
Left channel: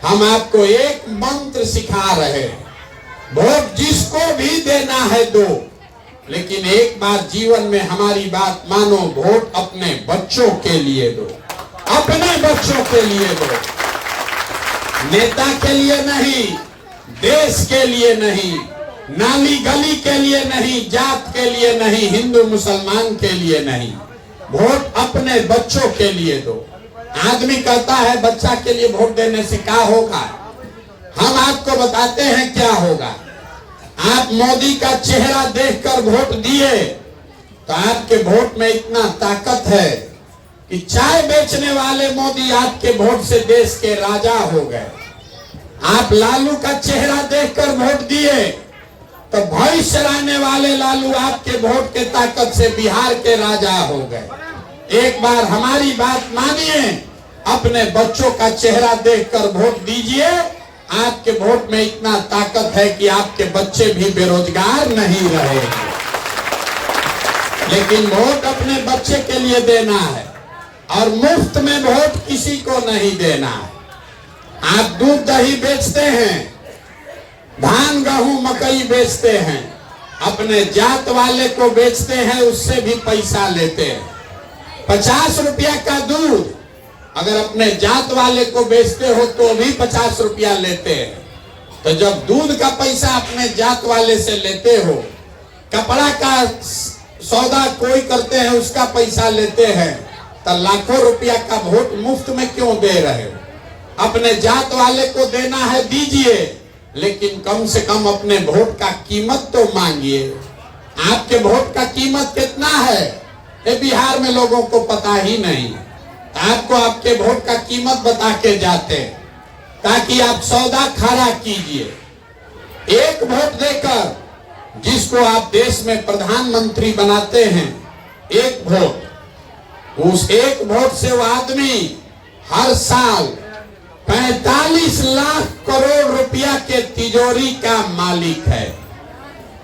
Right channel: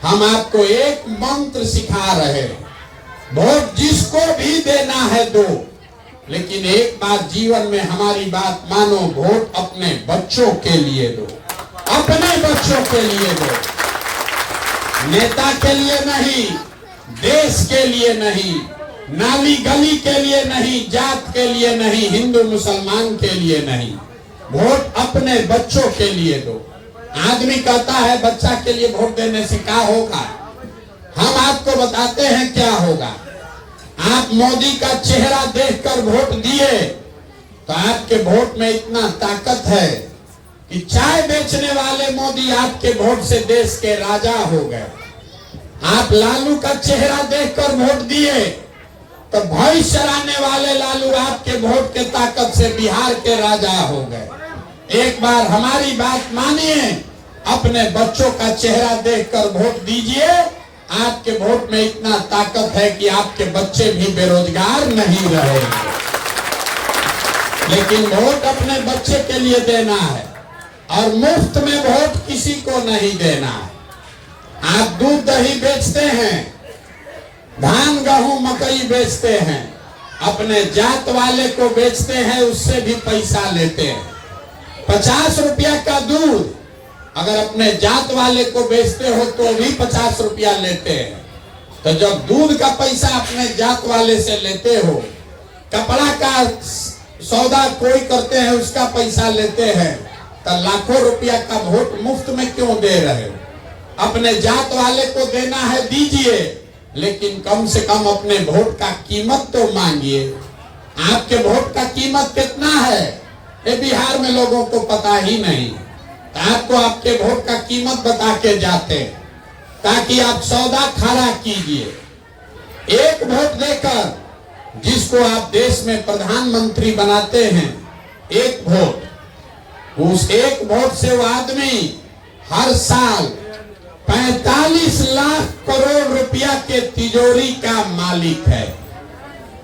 हम आपको एक मंत्र सिखा रहे हैं, वोट जिसको भी देना है दो, लेकिन एक बात जीवन में हमारी बात मानो, वोट अपने बच्चों के लिए दो, अपने बच्चों के लिए दो, नेता के लिए नहीं, देश के लिए नहीं, नाली गली के लिए नहीं, जात के लिए नहीं, हिंदू मुसलमान के लिए नहीं, वोट अपने बच्चों के लिए दो। आदमी कहता है बच्चा के लिए वोट देने से क्या होगा, हम आपको बताते हैं क्या होगा। आप मोदी का चेहरा देखकर वोट दिए तो आपके वोट में इतना ताकत है कि चाय बेचने वाले मोदी आपके वोट से देश के राजा हो गए। आप लालू का चेहरा देखकर वोट दिए तो भैंस चराने वाले लालू आपके वोट के ताकत से बिहार के राजा हो गए। एक बार हमारी बात मानिए, अपने बच्चों का चेहरा देखकर वोट दीजिए। आपके वोट में इतना ताकत है कि आपके बच्चे भी बेरोजगार नहीं रहेंगे। लेकिन वोट अपने बच्चे के लिए देना है और मुफ्त में वोट किसी को नहीं देना है। आप दूध दही बेचते हैं, धान गेहूं मकई बेचते हैं, अपने जात वाले को बेचते हैं, उससे भी पैसा लेते हैं। 50 रुपया का दूध अगर अपने जात वाले को बेचते हो तो भी 50 रुपया लेते हैं। तो जब दूध का पैसा अपने जात वाले से लेते हो, कपड़ा का सौदा कोई करते हैं उसका पैसा लेते हैं, तो लाखों रुपया का वोट मुफ्त में क्यों दे रहे हो? अपने जात वाले को देना है दीजिए, लेकिन कम से कम अपने वोट का कीमत तो मांगिए। आपके वोट का कीमत कितना है ये बिहार में लोगों को पता ही नहीं। आपको आपके वोट का कीमत बता के जाते ताकि आप सौदा खड़ा कीजिए। एक वोट देकर जिसको आप देश में प्रधानमंत्री बनाते हैं, एक वोट, उस एक वोट से वो आदमी हर साल 45 लाख करोड़ रुपया के तिजोरी का मालिक है।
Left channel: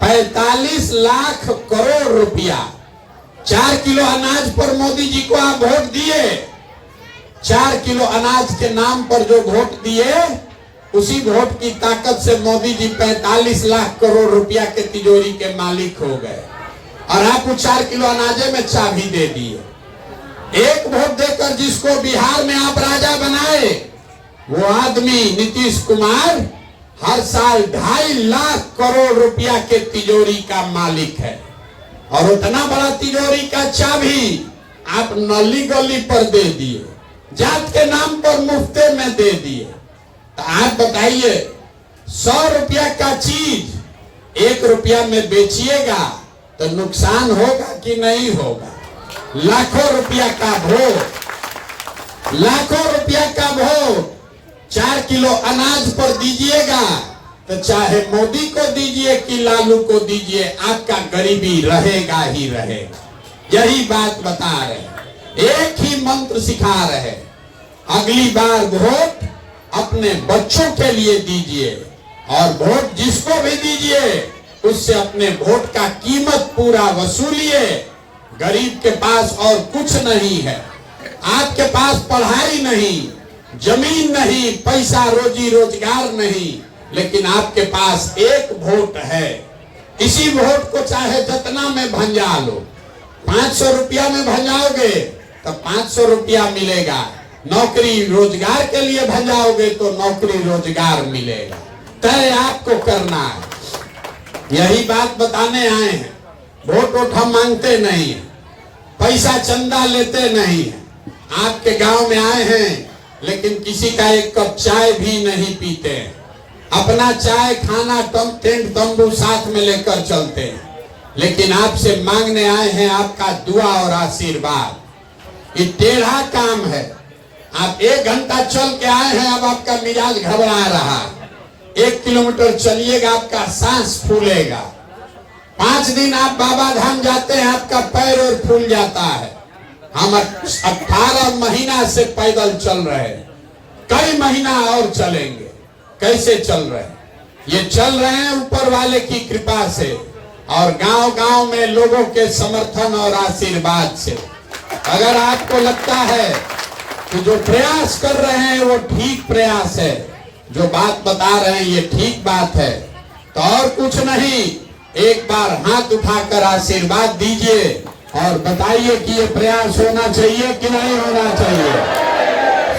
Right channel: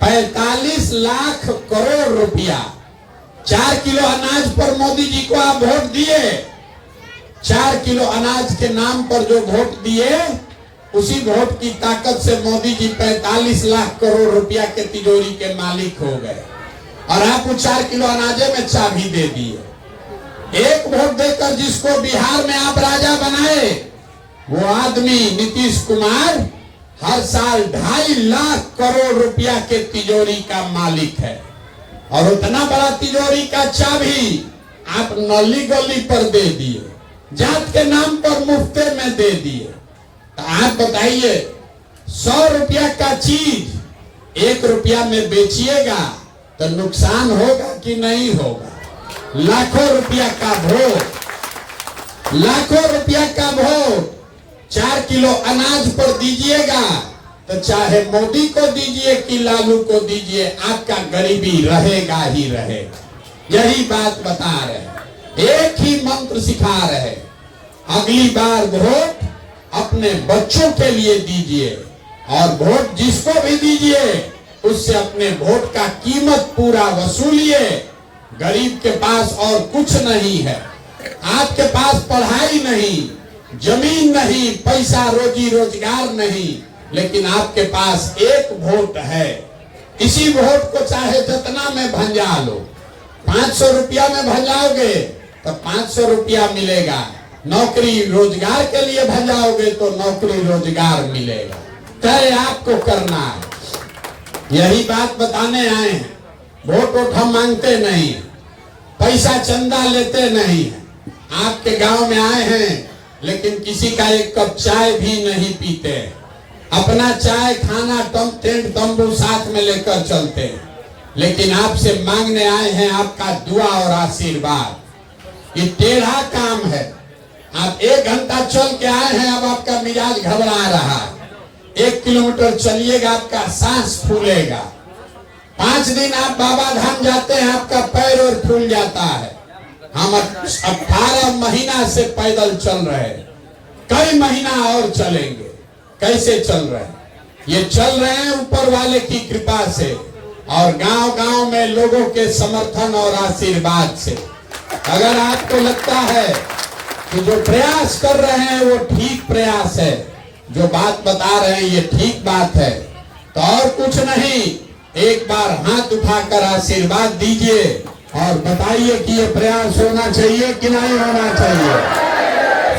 45 लाख करोड़ रुपया। 4 किलो अनाज पर मोदी जी को आप वोट दिए, 4 किलो अनाज के नाम पर जो वोट दिए, उसी वोट की ताकत से मोदी जी 45 लाख करोड़ रुपया के तिजोरी के मालिक हो गए, और आपको 4 किलो अनाजे में चाबी दे दिए। एक वोट देकर जिसको बिहार में आप राजा बनाए, वो आदमी नीतीश कुमार हर साल 2.5 लाख करोड़ रुपया के तिजोरी का मालिक है। और उतना बड़ा तिजोरी का चाबी आप नली गली पर दे दिए, जात के नाम पर मुफ्ते में दे दिए। तो आप बताइए, 100 रुपया का चीज 1 रुपया में बेचिएगा तो नुकसान होगा कि नहीं होगा? लाखों रुपया का वोट, लाखों रुपया का वोट 4 किलो अनाज पर दीजिएगा तो चाहे मोदी को दीजिए कि लालू को दीजिए, आपका गरीबी रहेगा ही रहेगा। यही बात बता रहे, एक ही मंत्र सिखा रहे, अगली बार वोट अपने बच्चों के लिए दीजिए, और वोट जिसको भी दीजिए उससे अपने वोट का कीमत पूरा वसूलिए। गरीब के पास और कुछ नहीं है, आपके पास पढ़ाई नहीं, जमीन नहीं, पैसा रोजी रोजगार नहीं, लेकिन आपके पास एक वोट है। इसी वोट को चाहे जितना में भंजा लो, 500 रुपया में भंजाओगे तो 500 रुपया मिलेगा, नौकरी रोजगार के लिए भंजाओगे तो नौकरी रोजगार मिलेगा। तय आपको करना है। यही बात बताने आए हैं। वोट हम मांगते नहीं, पैसा चंदा लेते नहीं। आपके गांव में आए हैं, लेकिन किसी का एक कप चाय भी नहीं पीते। अपना चाय खाना टेंट तंबू साथ में लेकर चलते हैं, लेकिन आपसे मांगने आए हैं आपका दुआ और आशीर्वाद। ये टेढ़ा काम है। आप 1 घंटा चल के आए हैं, अब आपका मिजाज घबरा रहा है। 1 किलोमीटर चलिएगा, आपका सांस फूलेगा। 5 दिन आप बाबा धाम जाते हैं, आपका पैर और फूल जाता है। हम 18 महीना से पैदल चल रहे हैं, कई महीना और चलेंगे। कैसे चल रहे हैं? ये चल रहे हैं ऊपर वाले की कृपा से और गांव गांव में लोगों के समर्थन और आशीर्वाद से। अगर आपको लगता है कि जो प्रयास कर रहे हैं वो ठीक प्रयास है, जो बात बता रहे हैं ये ठीक बात है, तो और कुछ नहीं, एक बार हाथ उठाकर आशीर्वाद दीजिए और बताइए कि ये प्रयास होना चाहिए कि नहीं होना चाहिए।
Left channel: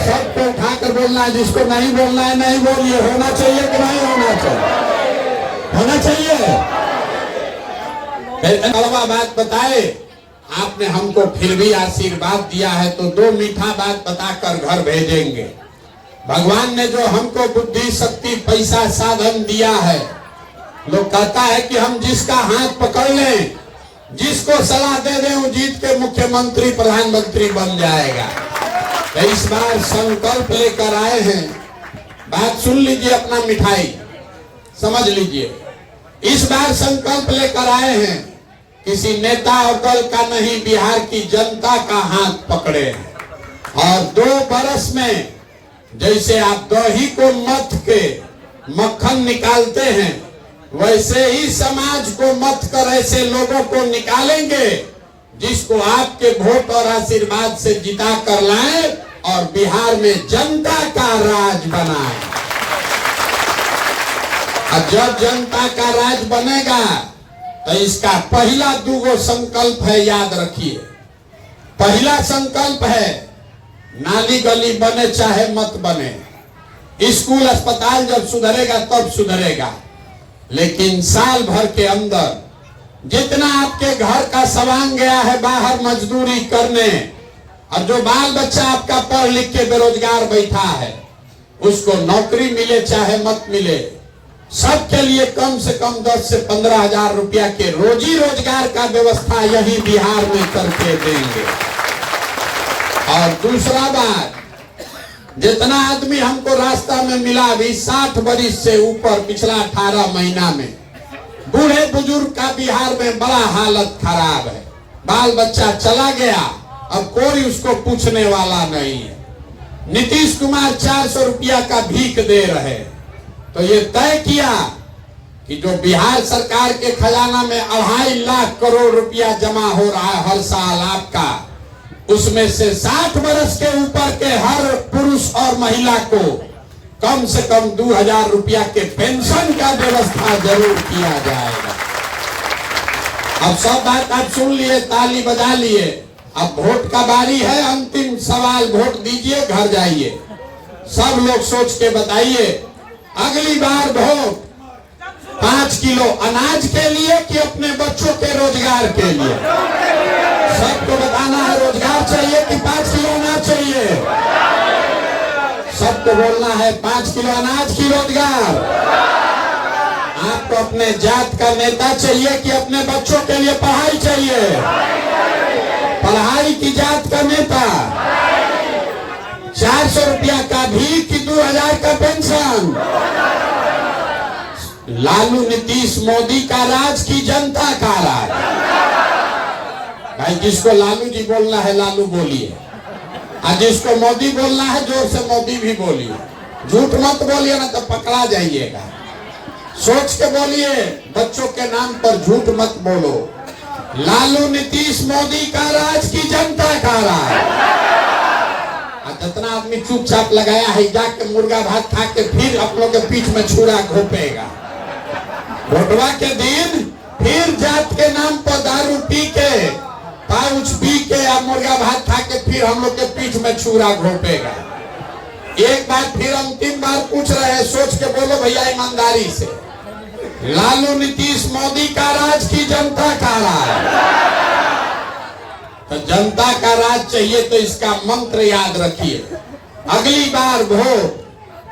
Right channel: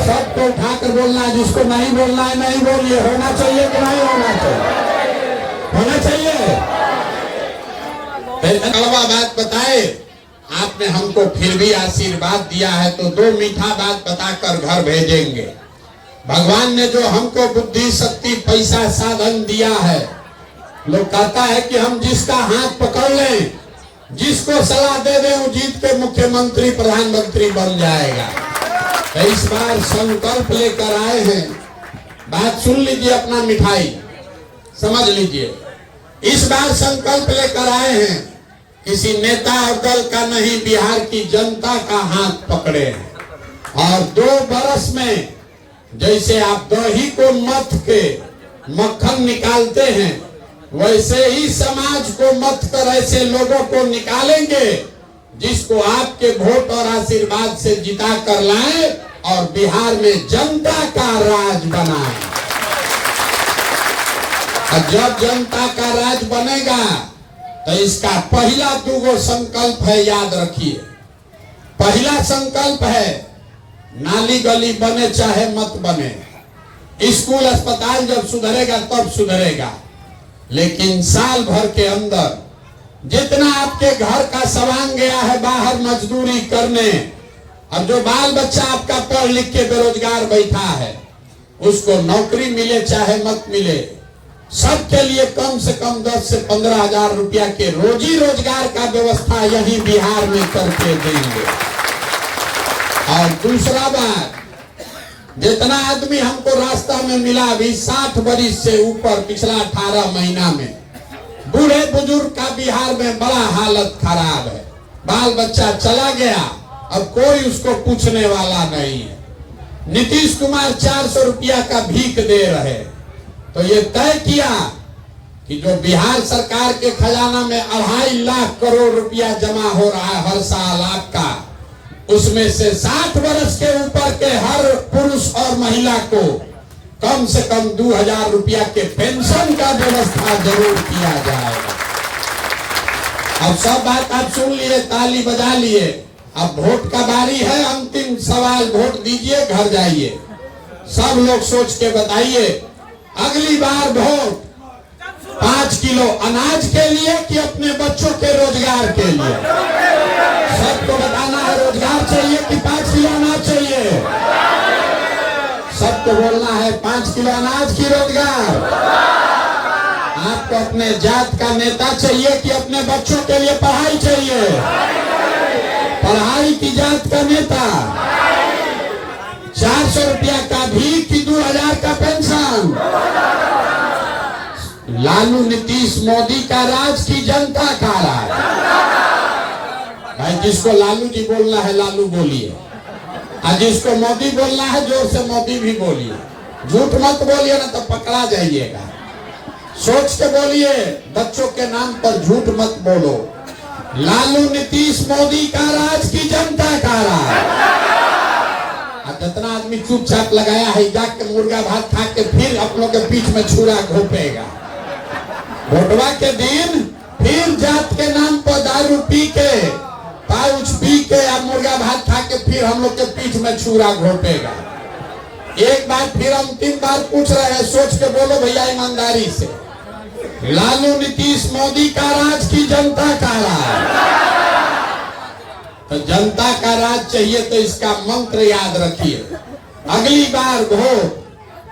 सबको उठाकर बोलना, जिसको नहीं बोलना है नहीं बोलिए। होना चाहिए कि नहीं होना चाहिए? होना चाहिए। कड़वा बात बताए आपने हमको, फिर भी आशीर्वाद दिया है तो 2 मीठा बात बताकर घर भेजेंगे। भगवान ने जो हमको बुद्धि शक्ति पैसा साधन दिया है, लोग कहता है कि हम जिसका हाथ पकड़ लें, जिसको सलाह दे दें, वो जीत के मुख्यमंत्री प्रधानमंत्री बन जाएगा। इस बार संकल्प लेकर आए हैं। बात सुन लीजिए, अपना मिठाई समझ लीजिए। इस बार संकल्प लेकर आए हैं, किसी नेता और दल का नहीं, बिहार की जनता का हाथ पकड़े हैं। और 2 बरस में जैसे आप दही को मथ के मक्खन निकालते हैं, वैसे ही समाज को मथ कर ऐसे लोगों को निकालेंगे जिसको आपके वोट और आशीर्वाद से जिता कर लाए और बिहार में जनता का राज बनाए। और जब जनता का राज बनेगा तो इसका पहला 2 संकल्प है, याद रखिए। पहला संकल्प है, नाली गली बने चाहे मत बने, स्कूल अस्पताल जब सुधरेगा तब सुधरेगा। लेकिन साल भर के अंदर जितना आपके घर का सामान गया है बाहर मजदूरी करने, और जो बाल बच्चा आपका पढ़ लिख के बेरोजगार बैठा है, उसको नौकरी मिले चाहे मत मिले, सबके लिए कम से कम 10 से 15 हजार रुपया के रोजी रोजगार का व्यवस्था यही बिहार में करके देंगे। और दूसरा बात, जितना आदमी हमको रास्ता में मिला अभी 60 बरिस से ऊपर पिछला 18 महीना में, बूढ़े बुजुर्ग का बिहार में बड़ा हालत खराब है। बाल बच्चा चला गया, अब कोई उसको पूछने वाला नहीं है। नीतीश कुमार 400 रुपया का भीख दे रहे, तो ये तय किया कि जो बिहार सरकार के खजाना में 2.5 लाख करोड़ रुपया जमा हो रहा है हर साल आपका, उसमें से 60 वर्ष के ऊपर के हर पुरुष और महिला को कम से कम 2000 रुपया के पेंशन का व्यवस्था जरूर किया जाएगा। अब सब बात आप सुन लिए, ताली बजा लिए। अब वोट का बारी है, अंतिम सवाल, वोट दीजिए, घर जाइए। सब लोग सोच के बताइए, अगली बार वोट 5 किलो अनाज के लिए कि अपने बच्चों के रोजगार के लिए? सबको बताना है, रोजगार चाहिए कि 5 किलो अनाज चाहिए? सबको बोलना है 5 किलो अनाज की रोजगार। आपको अपने जात का नेता चाहिए कि अपने बच्चों के लिए पढ़ाई चाहिए? पढ़ाई की जात का नेता। 400 रुपया का भी कि 2000 का पेंशन? लालू नीतीश मोदी का राज की जनता का राज? भाई जिसको लालू जी बोलना है लालू बोलिए, और जिसको मोदी बोलना है जोर से मोदी भी बोलिए। झूठ मत बोलिए ना तो पकड़ा जाइएगा। सोच के बोलिए, बच्चों के नाम पर झूठ मत बोलो। लालू नीतीश मोदी का राज की जनता का राज। इतना आदमी चुपचाप लगाया है, जाके मुर्गा भात खा के फिर अपनों के पीठ में छुरा घोपेगा। वोटवा के दिन फिर जात के नाम पर दारू पी के, पाउच पी के या मुर्गा भात खा के फिर हम लोग के पीठ में छुरा घोपेगा। एक बार फिर अंतिम बार पूछ रहे हैं, सोच के बोलो भैया ईमानदारी से, लालू नीतीश मोदी का राज की जनता का राज? तो जनता का राज चाहिए तो इसका मंत्र याद रखिए, अगली बार वोट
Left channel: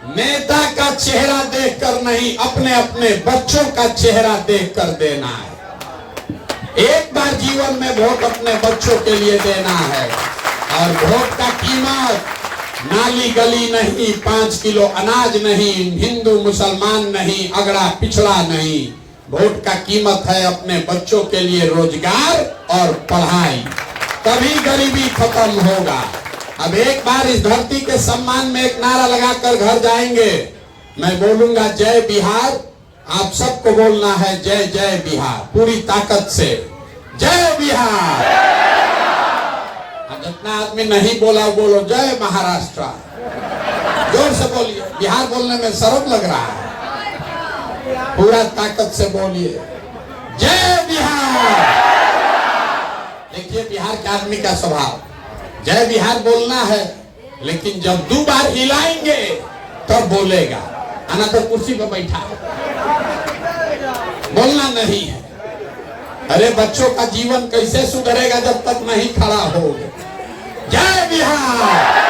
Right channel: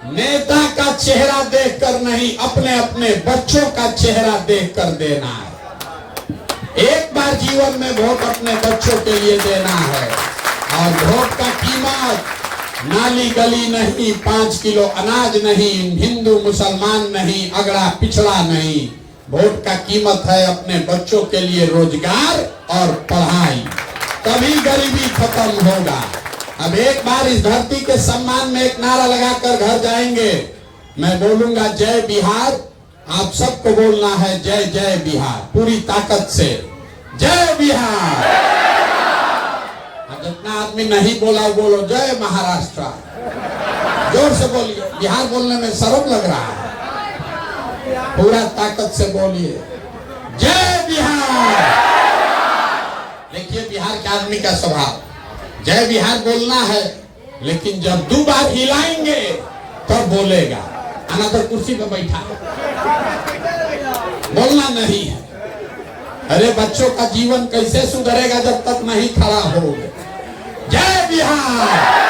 नेता का चेहरा देखकर नहीं, अपने अपने बच्चों का चेहरा देखकर देना है। एक बार जीवन में वोट अपने बच्चों के लिए देना है। और वोट का कीमत नाली गली नहीं, 5 किलो अनाज नहीं, हिंदू मुसलमान नहीं, अगड़ा पिछड़ा नहीं। वोट का कीमत है अपने बच्चों के लिए रोजगार और पढ़ाई, तभी गरीबी खत्म होगा। अब एक बार इस धरती के सम्मान में एक नारा लगाकर घर जाएंगे। मैं बोलूंगा जय बिहार, आप सबको बोलना है जय जय बिहार, पूरी ताकत से जय बिहार। अब जितना आदमी नहीं बोला बोलो जय महाराष्ट्र, जोर से बोलिए। बिहार बोलने में शर्म लग रहा है, पूरा ताकत से बोलिए जय बिहार। देखिए बिहार के आदमी का स्वभाव, जय बिहार बोलना है, लेकिन जब 2 बार हिलाएंगे तब बोलेगा। अनाकर कुर्सी पर बैठा बोलना नहीं है। अरे बच्चों का जीवन कैसे सुधरेगा जब तक नहीं खड़ा होगे? जय बिहार।